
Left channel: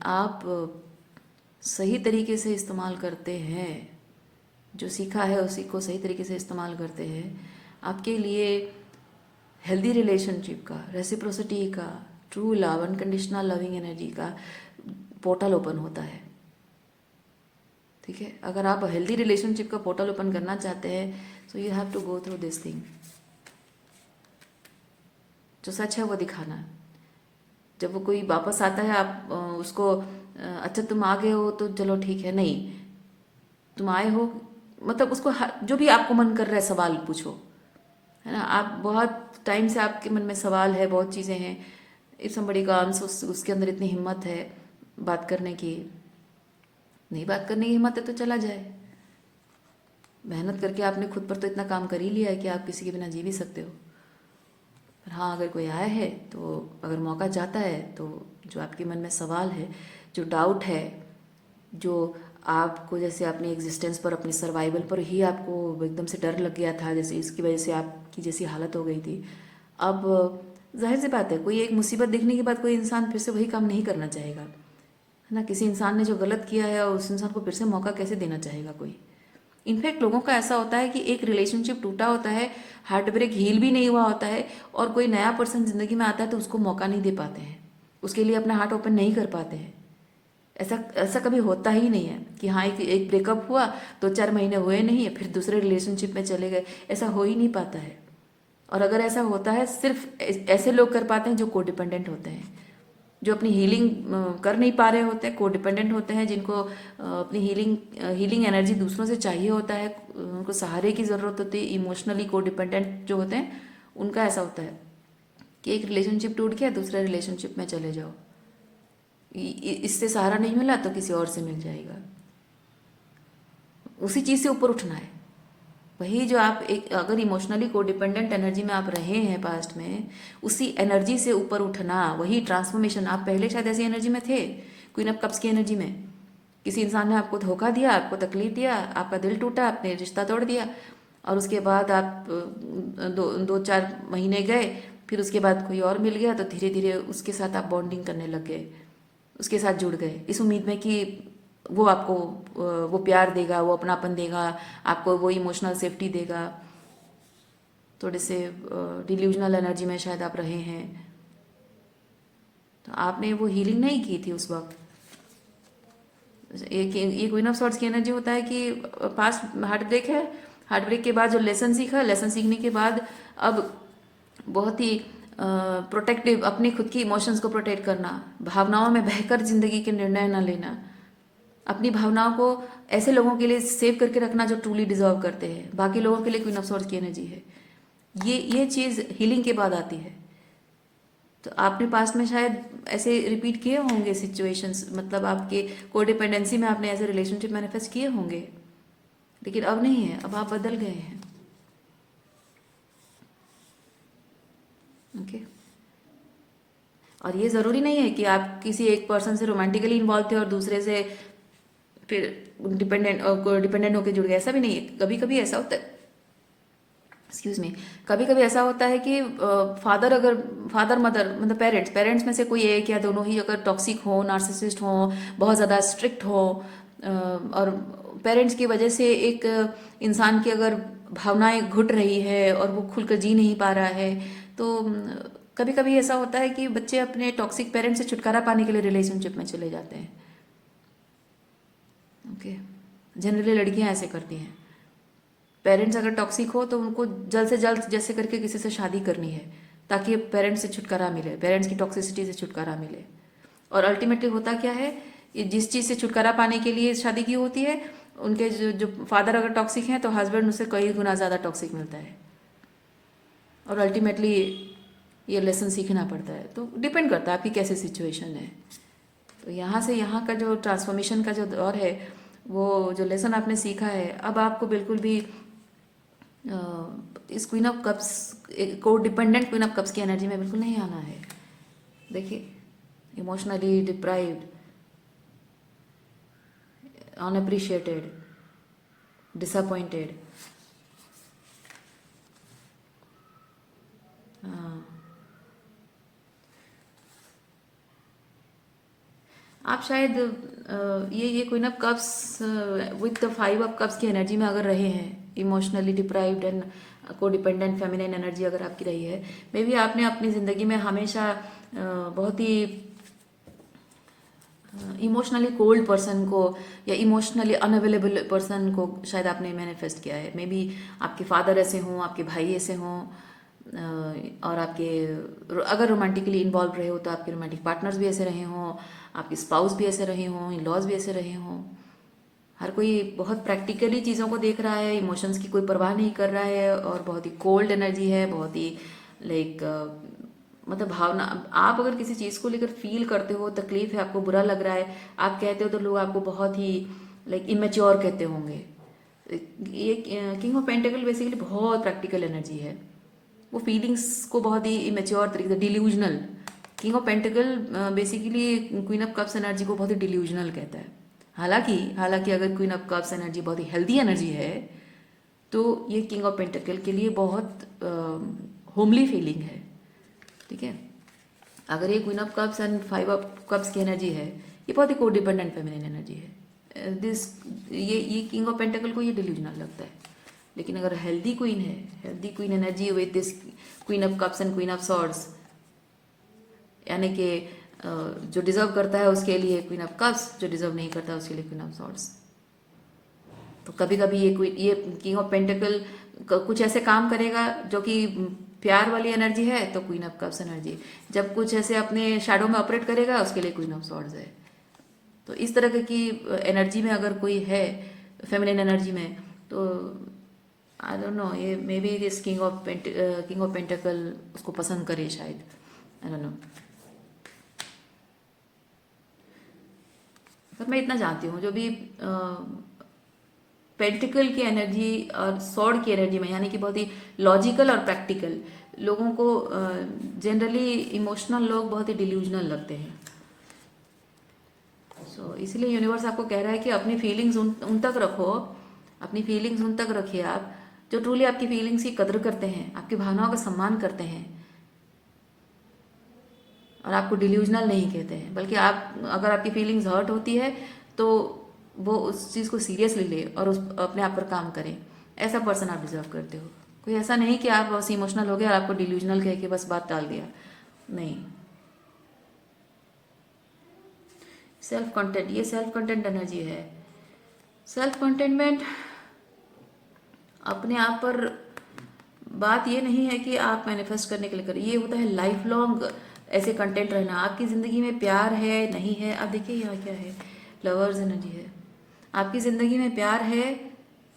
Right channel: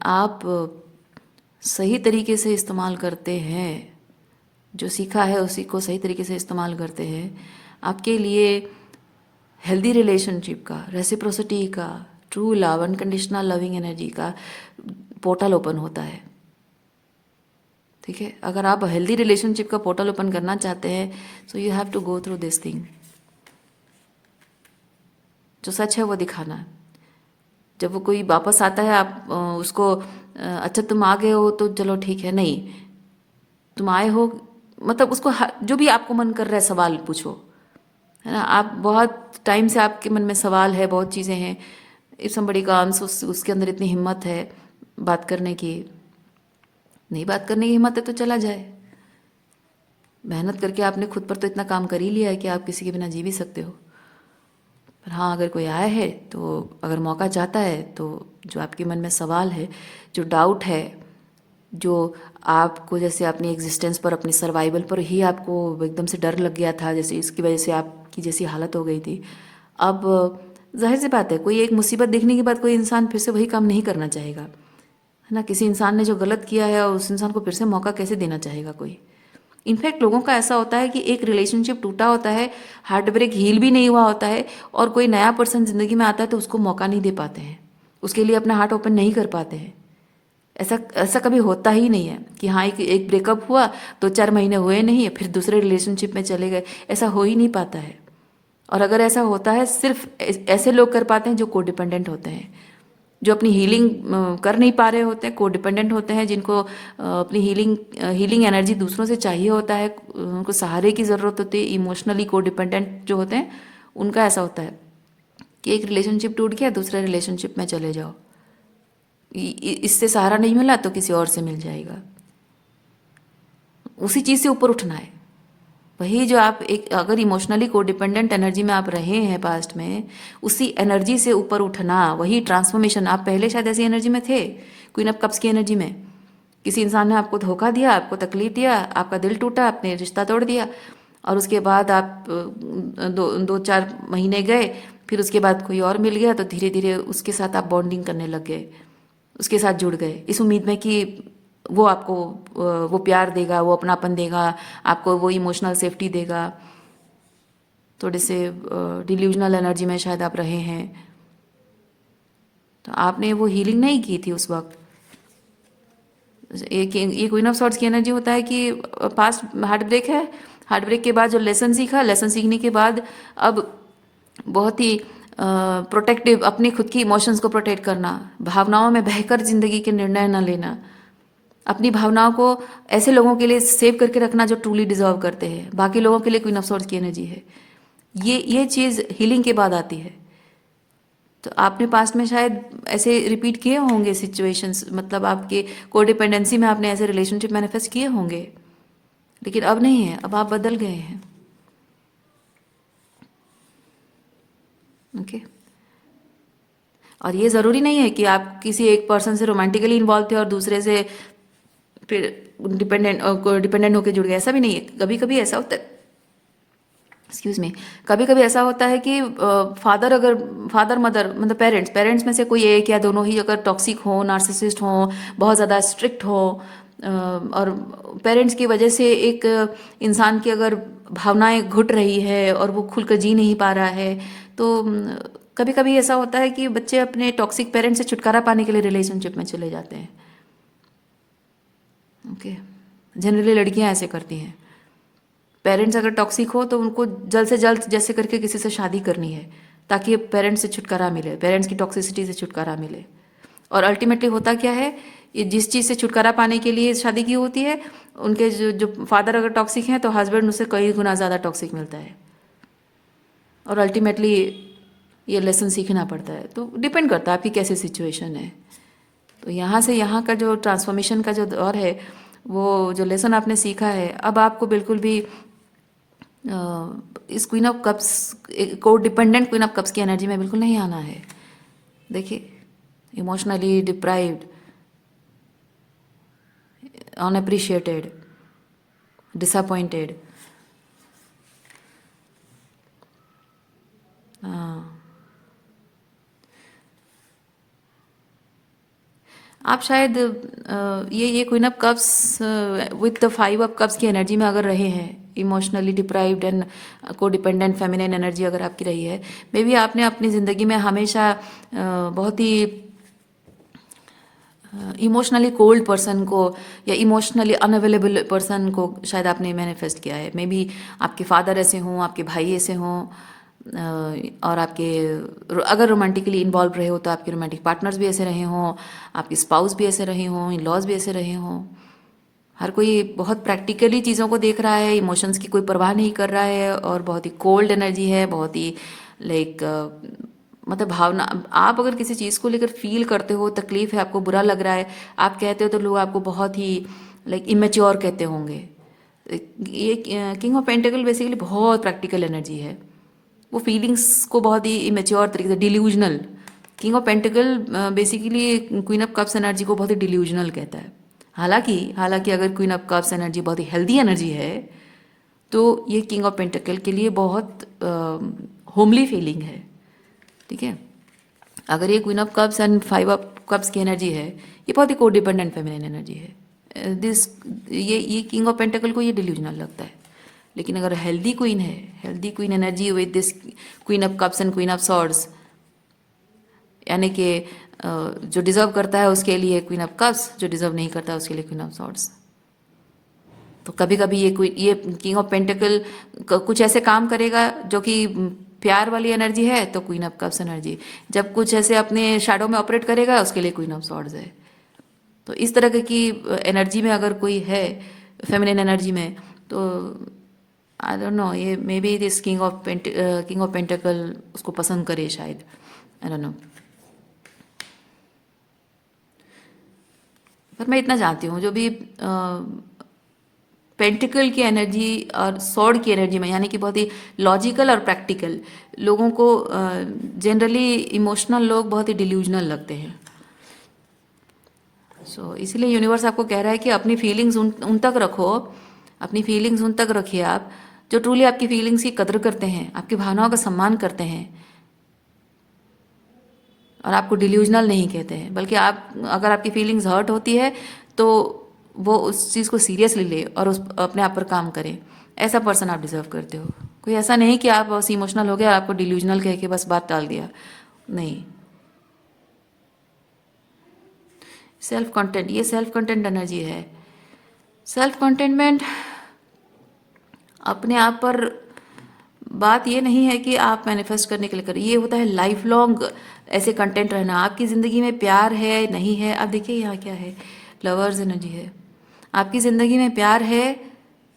आप सही तरीके से इस्तेमाल करते हैं, जो सीखा है उसी को सही तरीके से इस्तेमाल करते हैं, आपके लिए हेल्दी रिलेशनशिप का, रेसिप्रोसिटी का, true love, unconditional loving energy का पोर्टल ओपन होता है, ठीक है। अगर आप हेल्दी रिलेशनशिप का पोर्टल ओपन करना चाहते हैं, so you have to go through this thing. जो सच है वो दिखाना। जब वो कोई वापस आता है, आप उसको अच्छा तुम आ गए हो तो चलो ठीक है, नहीं तुम आए हो, मतलब उसको जो भी आपको मन कर रहा है सवाल पूछो, है ना। आप बहुत टाइम से आपके मन में सवाल है, बहुत चीज़ें हैं, इफ समबडी का आंसर, उसके अंदर इतनी हिम्मत है बात करने की, नहीं बात करने की हिम्मत है तो चला जाए। मेहनत करके आपने खुद पर तो इतना काम कर ही लिया है कि आप किसी के बिना जी भी सकते हो। पर हाँ, अगर कोई आया है तो अगर मौका चाहता है तो जो आपके मन में सवाल है, जो डाउट है, जो आपको जैसे अपनी एग्जिस्टेंस पर, अपनी सर्वाइवल पर ही आपको एकदम से डर लग गया था, जैसे इसकी वजह से आपकी जैसी हालत हो गई थी, अब जाहिर सी बात है कोई एक मुसीबत देखने के बाद कोई इंसान फिर से वही काम नहीं करना चाहेगा, है ना। किसी इंसान ने जो गलत किया है और उस इंसान को फिर से मौका कैसे देना चाहेगा कोई। इनफैक्ट लोगों का ऐसा होता है कि एक रिलेशनशिप टूटा होता है, हार्ट ब्रेक हील भी नहीं हुआ होता है, और कोई नया पर्सन जिंदगी में आता है तो उसको मौका नहीं दे पाते हैं, उसके लिए अपना हार्ट ओपन नहीं कर पाते हैं। ऐसा ऐसा कभी होता ही नहीं है कि हाँ एक ब्रेकअप हुआ, 2-4 महीने हुए नहीं, फिर दूसरे रिलेशनशिप में चले गए, ऐसा हो ही नहीं पाता है। और अगर ऐसा होता है, सिर्फ ऐसे लोग कर पाते हैं जो कोडिपेंडेंट होते हैं, जो अपनी हीलिंग कर नहीं पा रहे होते हैं, को डिपेंडेंट होते हैं, जिनको अपनी हीलिंग एनर्जी दूसरों से चाहिए होता है, उनको सहारे की ज़रूरत होती है, इमोशनली को डिपेंडेंट जो होते हैं, उनका ऐसा होता है कि एक रिलेशनशिप टूट गया, दूसरे रिलेशनशिप में चले जाओ, इससे सहारा नहीं मिला तो किसी और से मिल जाएगा। उसी चीज़ से ऊपर उठना है। वही जो आप एक अगर इमोशनली को डिपेंडेंट एनर्जी में आप रहे हैं पास्ट में, उसी एनर्जी से ऊपर उठना, वही ट्रांसफॉर्मेशन। आप पहले शायद ऐसी एनर्जी में थे, क्वीन ऑफ कप्स की एनर्जी में। किसी इंसान ने आपको धोखा दिया, आपको तकलीफ दिया, आपका दिल टूटा, आपने रिश्ता तोड़ दिया, और उसके बाद आप 2-4 महीने गए, फिर उसके बाद कोई और मिल गया, तो धीरे धीरे उसके साथ आप बॉन्डिंग करने लग गए, उसके साथ जुड़ गए, इस उम्मीद में कि वो आपको वो प्यार देगा, वो अपनापन देगा, आपको वो इमोशनल सेफ्टी देगा। थोड़े से डिल्यूजनल एनर्जी में शायद आप रहे हैं, तो आपने वो हीलिंग नहीं की थी उस वक्त। एक ये क्वीन ऑफ सॉर्ड्स की एनर्जी होता है कि पास्ट हार्ट ब्रेक है, हार्ट ब्रेक के बाद जो लेसन सीखा, लेसन सीखने के बाद अब बहुत ही प्रोटेक्टिव, अपनी खुद की इमोशंस को प्रोटेक्ट करना, भावनाओं में बहकर जिंदगी के निर्णय न लेना, अपनी भावनाओं को ऐसे लोगों के लिए सेव करके रखना जो ट्रूली डिजर्व करते हैं। बाकी लोगों के लिए क्वीन ऑफ सॉर्ड्स की एनर्जी है। ये चीज़ हीलिंग के बाद आती है। तो आपने पास्ट में शायद ऐसे रिपीट किए होंगे सिचुएशंस, मतलब आपके कोडिपेंडेंसी में आपने ऐसे रिलेशनशिप मैनिफेस्ट किए होंगे, लेकिन अब नहीं है, अब आप बदल गए हैं। ओके। और ये ज़रूरी नहीं है कि आप किसी एक पर्सन से रोमांटिकली इन्वॉल्व थे और दूसरे से फिर डिपेंडेंट होकर जुड़ गए, ऐसा भी नहीं है। कभी कभी ऐसा होता है, एक्सक्यूज मी, कभी कभी ऐसा होता है कि फादर मदर मतलब पेरेंट्स में से कोई एक या दोनों ही अगर टॉक्सिक हो, नार्सिसिस्ट हो, बहुत ज़्यादा स्ट्रिक्ट हो, और पेरेंट्स की वजह से एक इंसान की अगर भावनाएं घुट रही है और वो खुलकर जी नहीं पा रहा है, तो कभी कभी ऐसा होता है कि बच्चे अपने टॉक्सिक पेरेंट्स से छुटकारा पाने के लिए रिलेशनशिप में चले जाते हैं। ओके। जनरली लड़कियां ऐसे करती हैं। पेरेंट्स अगर टॉक्सिक हो तो उनको जल्द से जल्द जैसे करके किसी से शादी करनी है, ताकि पेरेंट्स से छुटकारा मिले, पेरेंट्स की टॉक्सिसिटी से छुटकारा मिले। और अल्टीमेटली होता क्या है, ये जिस चीज़ से छुटकारा पाने के लिए शादी की होती है, उनके जो फादर अगर टॉक्सिक हैं तो हस्बैंड उससे कई गुना ज़्यादा टॉक्सिक मिलता है, और अल्टीमेटली ये लेसन सीखना पड़ता है। तो डिपेंड करता है आपकी कैसे सिचुएशन है। तो यहाँ से यहाँ का जो ट्रांसफॉर्मेशन का जो दौर है, वो जो लेसन आपने सीखा है, अब आपको बिल्कुल भी इस क्वीन ऑफ कप्स को डिपेंडेंट क्वीन ऑफ कप्स की एनर्जी में बिल्कुल नहीं आना है। देखिए, इमोशनली डिप्राइव्ड, अनअप्रिशिएटेड, डिसअपॉइंटेड, आप शायद ये queen of cups with the 5 of cups की एनर्जी में अगर रहे हैं, इमोशनली डिप्राइव्ड एंड को डिपेंडेंट फेमिनिन एनर्जी अगर आपकी रही है, मे बी आपने अपनी ज़िंदगी में हमेशा बहुत ही इमोशनली कोल्ड पर्सन को या इमोशनली अनअवेलेबल पर्सन को शायद आपने मैनिफेस्ट किया है। मे बी आपके फादर ऐसे हों, आपके भाई ऐसे हों, और आपके अगर रोमांटिकली इन्वॉल्व रहे हो तो आपके रोमांटिक पार्टनर्स भी ऐसे रहे हों, आपके स्पाउस भी ऐसे रहे हों, इन लॉज भी ऐसे रहे हों। हर कोई बहुत प्रैक्टिकली चीज़ों को देख रहा है, इमोशंस की कोई परवाह नहीं कर रहा है, और बहुत ही कोल्ड एनर्जी है, बहुत ही लाइक मतलब भावना। आप अगर किसी चीज़ को लेकर फील करते हो, तकलीफ है, आपको बुरा लग रहा है, आप कहते हो, तो लोग आपको बहुत ही लाइक इमेच्योर कहते होंगे। ये किंग ऑफ पेंटिकल बेसिकली बहुत प्रैक्टिकल एनर्जी है, वो फीलिंग्स को बहुत ही इमेच्योर तरीके से, delusional. King of pentacle basically queen of cups energy को बहुत ही डिल्यूजनल कहता है। हालांकि हालांकि अगर क्वीन ऑफ कप्स एनर्जी बहुत ही हेल्दी एनर्जी है, तो ये किंग ऑफ पेंटिकल के लिए बहुत होमली फीलिंग है। ठीक है। अगर ये queen of cups and 5 of cups की एनर्जी है, ये बहुत ही कोडिपेंडेंट फेमिनिन एनर्जी है। दिस ये किंग ऑफ पेंटिकल को ये डिल्यूजनल लगता है। लेकिन अगर हेल्दी क्वीन है, healthy queen energy with this queen of cups and queen of swords, यानी कि जो डिजर्व करता है उसके लिए क्वीन ऑफ कप्स, जो डिजर्व नहीं करता है उसके लिए क्वीन ऑफ सॉर्ड्स। तो कभी कभी ये किंग ऑफ पेंटिकल कुछ ऐसे काम करेगा जो कि प्यार वाली एनर्जी है तो क्वीन ऑफ कप्स एनर्जी। जब कुछ ऐसे अपने शैडो में ऑपरेट करेगा उसके लिए क्वीन ऑफ सॉर्ड्स है। तो इस तरह की एनर्जी में अगर कोई है फेमिनिन एनर्जी में, तो आई डोंट नो, ये may be this king of pentacle उसको पसंद करे शायद, आई डोंट नो। पर मैं इतना जानती हूँ, जो भी पेंटिकल की एनर्जी और सॉर्ड की एनर्जी में, यानी कि बहुत ही लॉजिकल और प्रैक्टिकल लोगों को, जनरली इमोशनल लोग बहुत ही डिल्यूजनल लगते हैं। सो इसलिए यूनिवर्स आपको कह रहा है कि अपनी फीलिंग्स उन तक रखो, अपनी फीलिंग्स उन तक रखिए आप जो ट्रूली आपकी फीलिंग्स की कदर करते हैं, आपकी भावनाओं का सम्मान करते हैं और आपको डिल्यूजनल नहीं कहते हैं। बल्कि आप, अगर आपकी फीलिंग्स हर्ट होती है तो वो उस चीज़ को सीरियसली ले और उस अपने आप पर काम करें। ऐसा पर्सन आप डिजर्व करते हो। कोई ऐसा नहीं कि आप बस इमोशनल हो गए और आपको डिल्यूजनल कह के बस बात टाल दिया, नहीं। सेल्फ कंटेंट, ये सेल्फ कंटेंट एनर्जी है। सेल्फ कंटेंटमेंट अपने आप पर बात ये नहीं है कि आप मैनिफेस्ट करने के लिए करें, ये होता है लाइफ लॉन्ग ऐसे कंटेंट रहना। आपकी ज़िंदगी में प्यार है नहीं है, आप देखिए यहाँ क्या है, लवर्स एनर्जी है। आपकी ज़िंदगी में प्यार है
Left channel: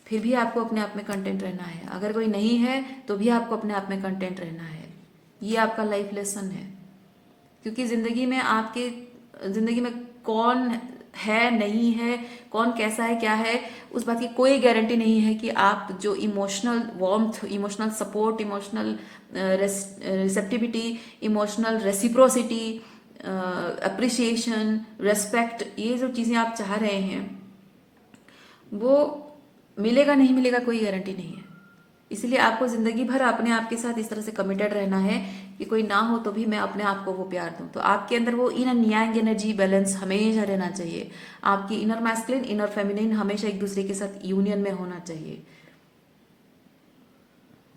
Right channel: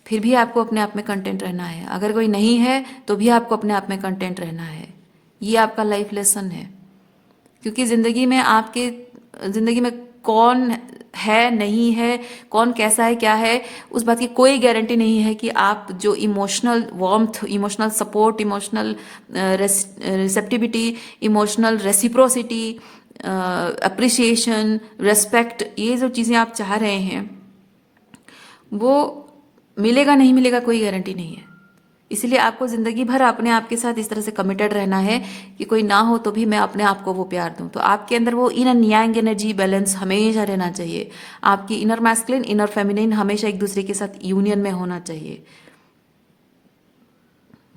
फिर भी आपको अपने आप में कंटेंट रहना है। अगर कोई नहीं है तो भी आपको अपने आप में कंटेंट रहना है। ये आपका लाइफ लेसन है। क्योंकि ज़िंदगी में, आपके ज़िंदगी में कौन है नहीं है, कौन कैसा है क्या है, उस बात की कोई गारंटी नहीं है कि आप जो emotional warmth, emotional support, emotional receptivity, emotional reciprocity, appreciation, respect, ये जो चीज़ें आप चाह रहे हैं वो मिलेगा नहीं मिलेगा कोई गारंटी नहीं है। इसलिए आपको ज़िंदगी भर अपने आप के साथ इस तरह से कमिटेड रहना है कि कोई ना हो तो भी मैं अपने आप को वो प्यार दूं। तो आपके अंदर वो इनर यांग एनर्जी बैलेंस हमेशा रहना चाहिए। आपकी इनर मैस्कुलिन, इनर फेमिनिन हमेशा एक दूसरे के साथ यूनियन में होना चाहिए,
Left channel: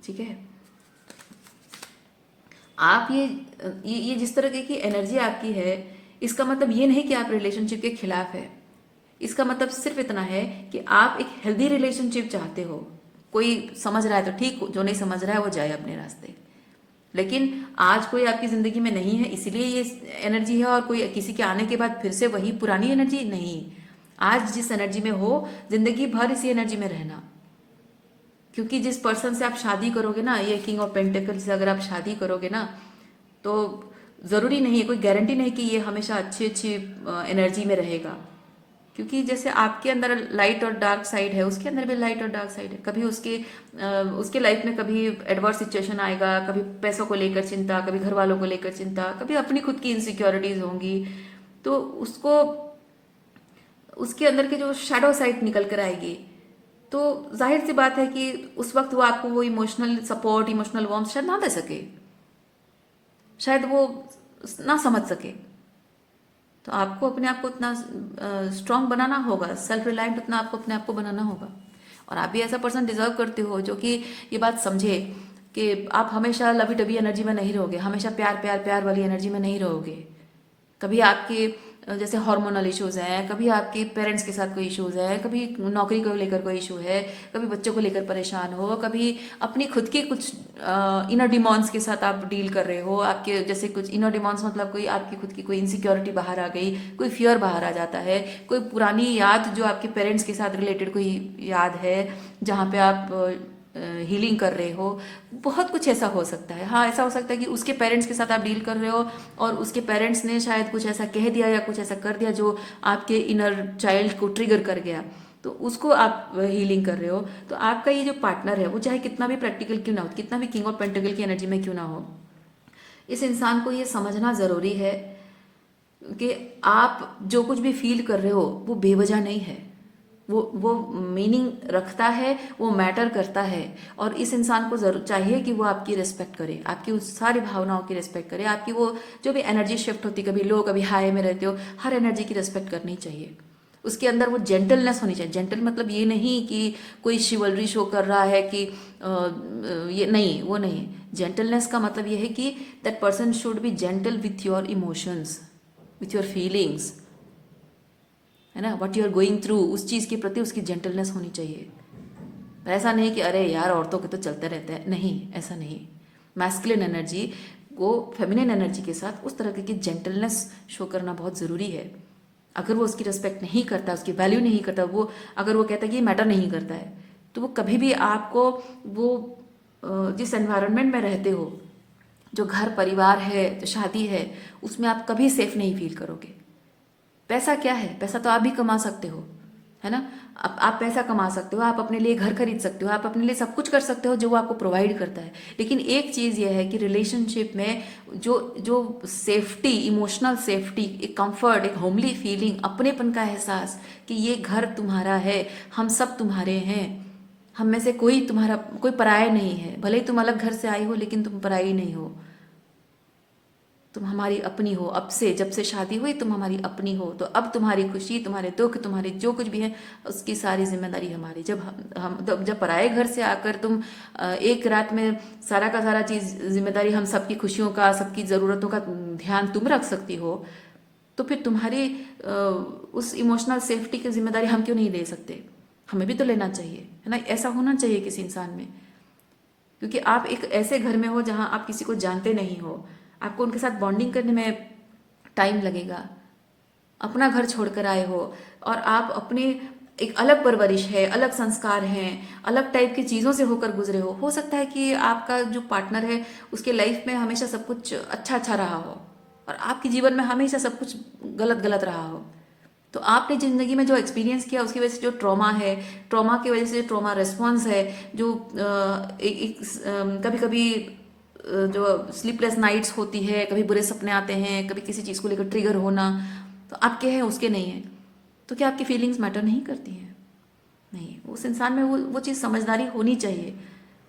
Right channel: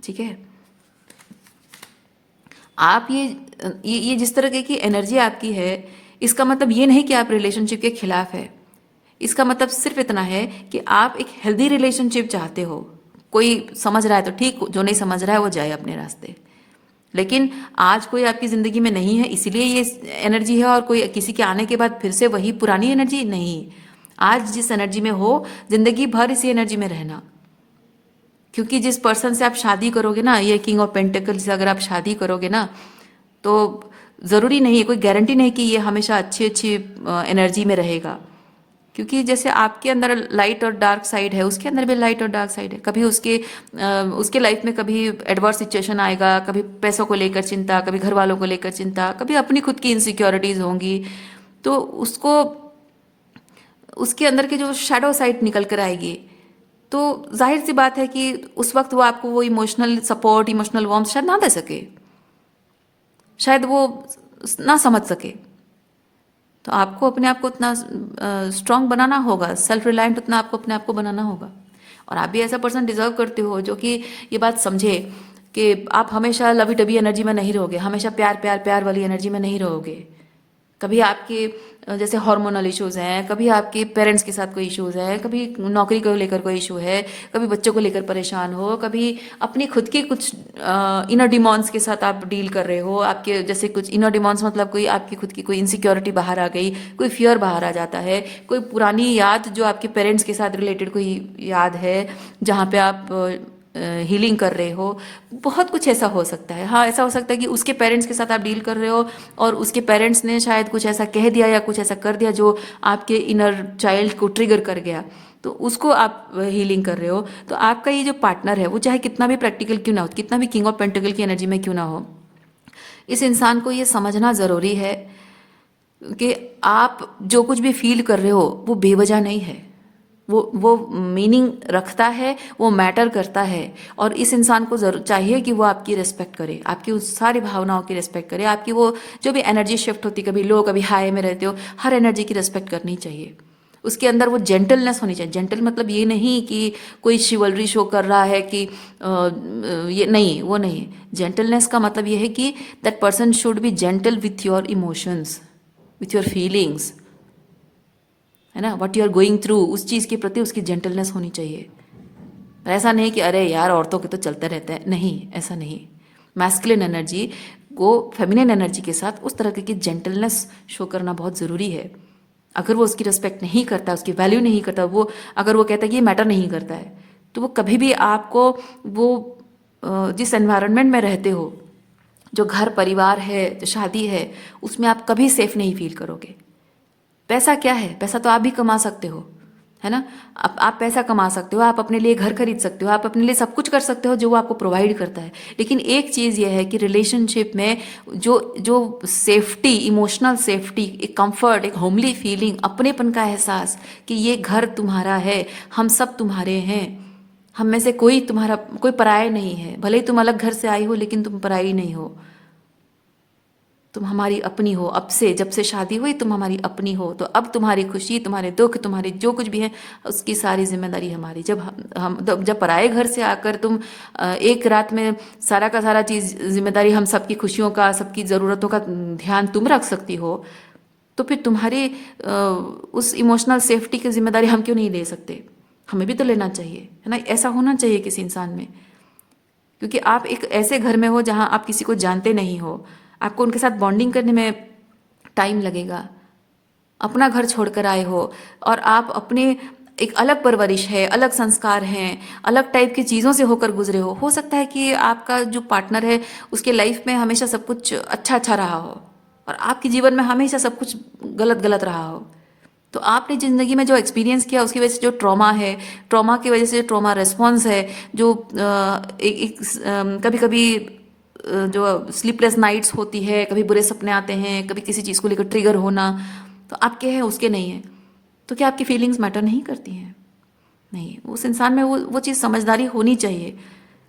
ठीक है। आप ये जिस तरह की एनर्जी आपकी है, इसका मतलब ये नहीं कि आप रिलेशनशिप के खिलाफ है। इसका मतलब सिर्फ इतना है कि आप एक हेल्दी रिलेशनशिप चाहते हो। कोई समझ रहा है तो ठीक, जो नहीं समझ रहा है वो जाए अपने रास्ते। लेकिन आज कोई आपकी ज़िंदगी में नहीं है इसलिए ये एनर्जी है, और कोई किसी के आने के बाद फिर से वही पुरानी एनर्जी नहीं। आज जिस एनर्जी में हो, ज़िंदगी भर इसी एनर्जी में रहना। क्योंकि जिस पर्सन से आप शादी करोगे ना, ये किंग ऑफ पेंटिकल से अगर आप शादी करोगे ना, तो ज़रूरी नहीं है, कोई गारंटी नहीं कि ये हमेशा अच्छी अच्छी एनर्जी में रहेगा। क्योंकि जैसे आपके अंदर लाइट और डार्क साइड है, उसके अंदर भी लाइट और डार्क साइड है। कभी उसके लाइफ में कभी एडवर्स सिचुएशन आएगा, कभी पैसों को लेकर चिंता, कभी घर वालों को लेकर चिंता, कभी अपनी खुद की इनसिक्योरिटीज होंगी। तो उसको, उसके अंदर की जो शैडो साइड निकल कर आएगी, तो जाहिर सी बात है कि उस वक्त वो आपको वो इमोशनल सपोर्ट, इमोशनल वार्मथ शायद ना दे सके, शायद वो ना समझ सके। तो आपको अपने आप को उतना स्ट्रांग बनाना होगा, सेल्फ रिलायंट उतना आपको अपने आप को बनाना होगा। और आप भी ऐसा पर्सन डिजर्व करते हो जो कि ये बात समझे कि आप हमेशा लवी डबी एनर्जी में नहीं रहोगे, हमेशा प्यार प्यार प्यार वाली एनर्जी में नहीं रहोगे। कभी आपके जैसे हार्मोनल इश्यूज हैं, कभी आपके पेरेंट्स के साथ कोई इश्यूज है, कभी नौकरी को लेकर कोई इशू है, कभी बच्चों को लेकर परेशान हो, कभी अपनी खुद के कुछ इनर डिमॉन्स के साथ आप डील कर रहे हो। आपके जैसे कुछ इनर डिमॉन्स मतलब कोई आपकी खुद की कोई इनसिक्योरिटी बाहर आ गई, कोई फियर बाहर आ जाता है, कोई पुरानी याद जो आपके पेरेंट्स के साथ रिलेटेड कोई याद है जहाँ पे आप हीलिंग कर रहे हो। बहुत कुछ ऐसा हो सकता है। हाँ, ऐसा हो सकता है कि उसके पेरेंट्स के साथ आप डील कर रहे हो और उसके पेरेंट्स ने शायद कुछ ऐसा कह दिया या कुछ ऐसा कर दिया जो आपके इनर चाइल्ड को ट्रिगर कर गया, तो उसको आप हीलिंग कर रहे हो। तो आपका ये जो पार्टनर है वो चाहे कितना भी प्रैक्टिकल क्यों ना हो, कितना भी किंग ऑफ पेंटिकल की एनर्जी में क्यों ना हो, इस इंसान को ये समझना ज़रूरी है कि आप जो कुछ भी फील कर रहे हो वो बेवजह नहीं है। वो मीनिंग रखता है, वो मैटर करता है। और इस इंसान को जरूर चाहिए कि वो आपकी रिस्पेक्ट करे, आपकी उस सारी भावनाओं की रिस्पेक्ट करे। आपकी वो जो भी एनर्जी शिफ्ट होती, कभी लो कभी हाई में रहते हो, हर एनर्जी की रिस्पेक्ट करनी चाहिए। उसके अंदर वो जेंटलनेस होनी चाहिए। जेंटल मतलब ये नहीं कि कोई शिवलरी शो कर रहा है कि ये नहीं, वो नहीं। जेंटलनेस का मतलब ये है कि that person should be gentle with your emotions, with your feelings, है ना। What you are going through, उस चीज़ के प्रति उसकी जेंटलनेस होनी चाहिए। ऐसा नहीं कि अरे यार औरतों के तो चलते रहता है, नहीं, ऐसा नहीं। मैस्कुलिन एनर्जी को फेमिनिन एनर्जी के साथ उस तरह की जेंटलनेस शो करना बहुत ज़रूरी है। अगर वो उसकी रिस्पेक्ट नहीं करता, उसकी वैल्यू नहीं करता, वो अगर वो कहता है कि ये मैटर नहीं करता है, तो वो कभी भी आपको वो जिस एनवायरनमेंट में रहते हो, जो घर परिवार है, जो शादी है, उसमें आप कभी सेफ नहीं फील करोगे। पैसा क्या है? पैसा तो आप भी कमा सकते हो, है ना? आप पैसा कमा सकते हो, आप अपने लिए घर खरीद सकते हो, आप अपने लिए सब कुछ कर सकते हो जो वो आपको प्रोवाइड करता है। लेकिन एक चीज़ ये है कि रिलेशनशिप में जो जो सेफ्टी, इमोशनल सेफ्टी, एक कंफर्ट, एक होमली फीलिंग, अपनेपन का एहसास कि ये घर तुम्हारा है, हम सब तुम्हारे हैं, हम में से कोई पराया नहीं है। भले ही तुम अलग घर से आई हो, लेकिन तुम पराई नहीं हो, तुम हमारी अपनी हो। अब से, जब से शादी हुई, तुम हमारी अपनी हो। तो अब तुम्हारी खुशी, तुम्हारे दुख, तुम्हारे जो कुछ भी है, उसकी सारी जिम्मेदारी हमारी। जब पराए घर से आकर तुम एक रात में सारा का सारा चीज़, जिम्मेदारी हम सबकी खुशियों का, सबकी ज़रूरतों का ध्यान तुम रख सकती हो, तो फिर तुम्हारी उस इमोशनल सेफ्टी की जिम्मेदारी हम क्यों नहीं ले सकते? हमें भी तो लेना चाहिए, है ना? ऐसा होना चाहिए किसी इंसान में। क्योंकि आप एक ऐसे घर में हो जहाँ आप किसी को जानते नहीं हो, आपको उनके साथ बॉन्डिंग करने में टाइम लगेगा। अपना घर छोड़कर आए हो और आप अपने, एक अलग परवरिश है, अलग संस्कार हैं, अलग टाइप की चीज़ों से होकर गुजरे हो सकता है कि आपका जो पार्टनर है उसके लाइफ में हमेशा सब कुछ अच्छा अच्छा रहा हो और आपके जीवन में हमेशा सब कुछ गलत गलत रहा हो। तो आपने ज़िंदगी में जो एक्सपीरियंस किया, उसकी वजह से जो ट्रॉमा है, ट्रॉमा की वजह से जो ट्रॉमा रिस्पॉन्स है, जो कभी कभी जो स्लीपलेस नाइट्स होती है, कभी बुरे सपने आते हैं, कभी किसी चीज़ को लेकर ट्रिगर होना, तो आपके हैं, उसके नहीं है। तो क्या आपकी फीलिंग्स मैटर नहीं करती हैं? नहीं। उस इंसान में वो चीज़ समझदारी होनी चाहिए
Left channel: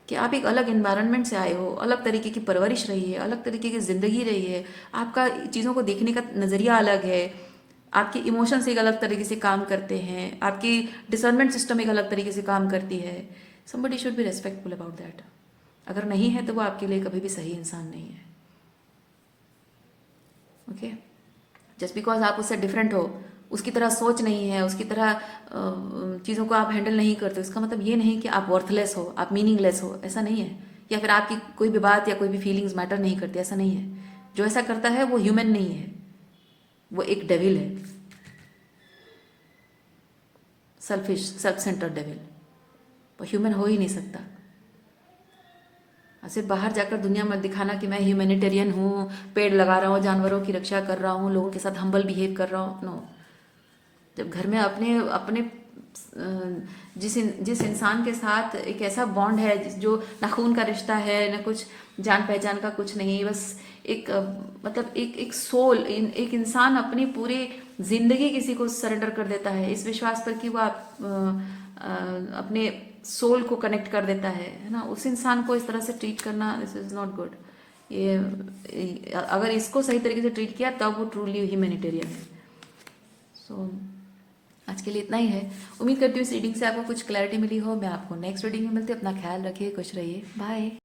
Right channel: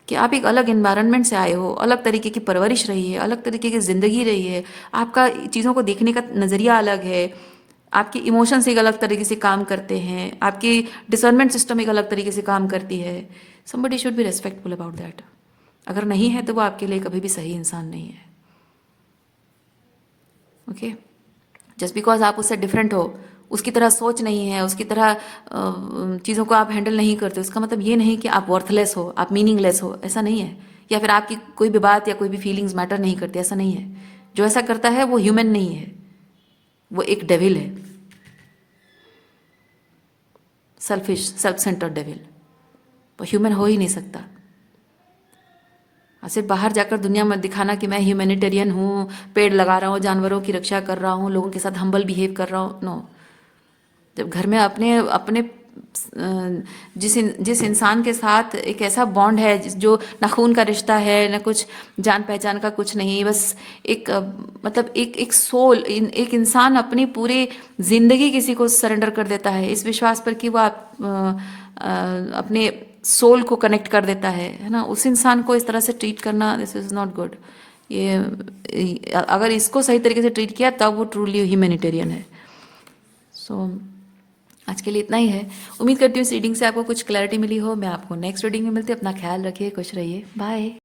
कि आप एक अलग इन्वायरमेंट से आए हो, अलग तरीके की परवरिश रही है, अलग तरीके की ज़िंदगी रही है, आपका चीज़ों को देखने का नज़रिया अलग है, आपके इमोशंस एक अलग तरीके से काम करते हैं, आपकी डिसर्नमेंट सिस्टम एक अलग तरीके से काम करती है। Somebody should be respectful about that. अगर नहीं है तो वो आपके लिए कभी भी सही इंसान नहीं है। ओके? जस्ट बिकॉज आप उससे डिफरेंट हो, उसकी तरह सोच नहीं है, उसकी तरह चीज़ों को आप हैंडल नहीं करते, उसका मतलब ये नहीं कि आप वर्थलेस हो, आप मीनिंगलेस हो, ऐसा नहीं है। या फिर आपकी कोई भी बात या कोई भी फीलिंग्स मैटर नहीं करती, ऐसा नहीं है। जो ऐसा करता है वो ह्यूमन नहीं है, वो एक डेविल है, सेल्फिश, सेल्फ सेंटर्ड डेविल। वो ह्यूमन हो ही नहीं सकता। और सिर्फ बाहर जाकर दुनिया में दिखाना कि मैं ह्यूमैनिटेरियन हूँ, पेड़ लगा रहा हूँ, जानवरों की रक्षा कर रहा हूँ, लोगों के साथ हम्बल बिहेव कर रहा हूँ, नो। जब घर में अपने अपने जिस इंसान के साथ एक ऐसा बॉन्ड है जो ना खून का रिश्ता है, ना कुछ जान पहचान का, कुछ नहीं, बस एक मतलब एक सोल, एक इंसान अपनी पूरी जिंदगी किसी को सरेंडर कर देता है इस विश्वास पर कि वो अपने सोल को कनेक्ट कर देता है ना? उस इंसान को इस तरह से ट्रीट करना, दिस इज नॉट गुड। अगर इसको सही तरीके से ट्रीट किया तब वो ट्रूली ह्यूमैनिटेरियन है। सो आज के लिए इतना ही है। उम्मीद करती हूँ इस रीडिंग से आपको कुछ क्लैरिटी मिली हो। मैं आपको नेक्स्ट रीडिंग में मिलती हूँ। अपना ख्याल रखिए, खुश रहिए, बाय।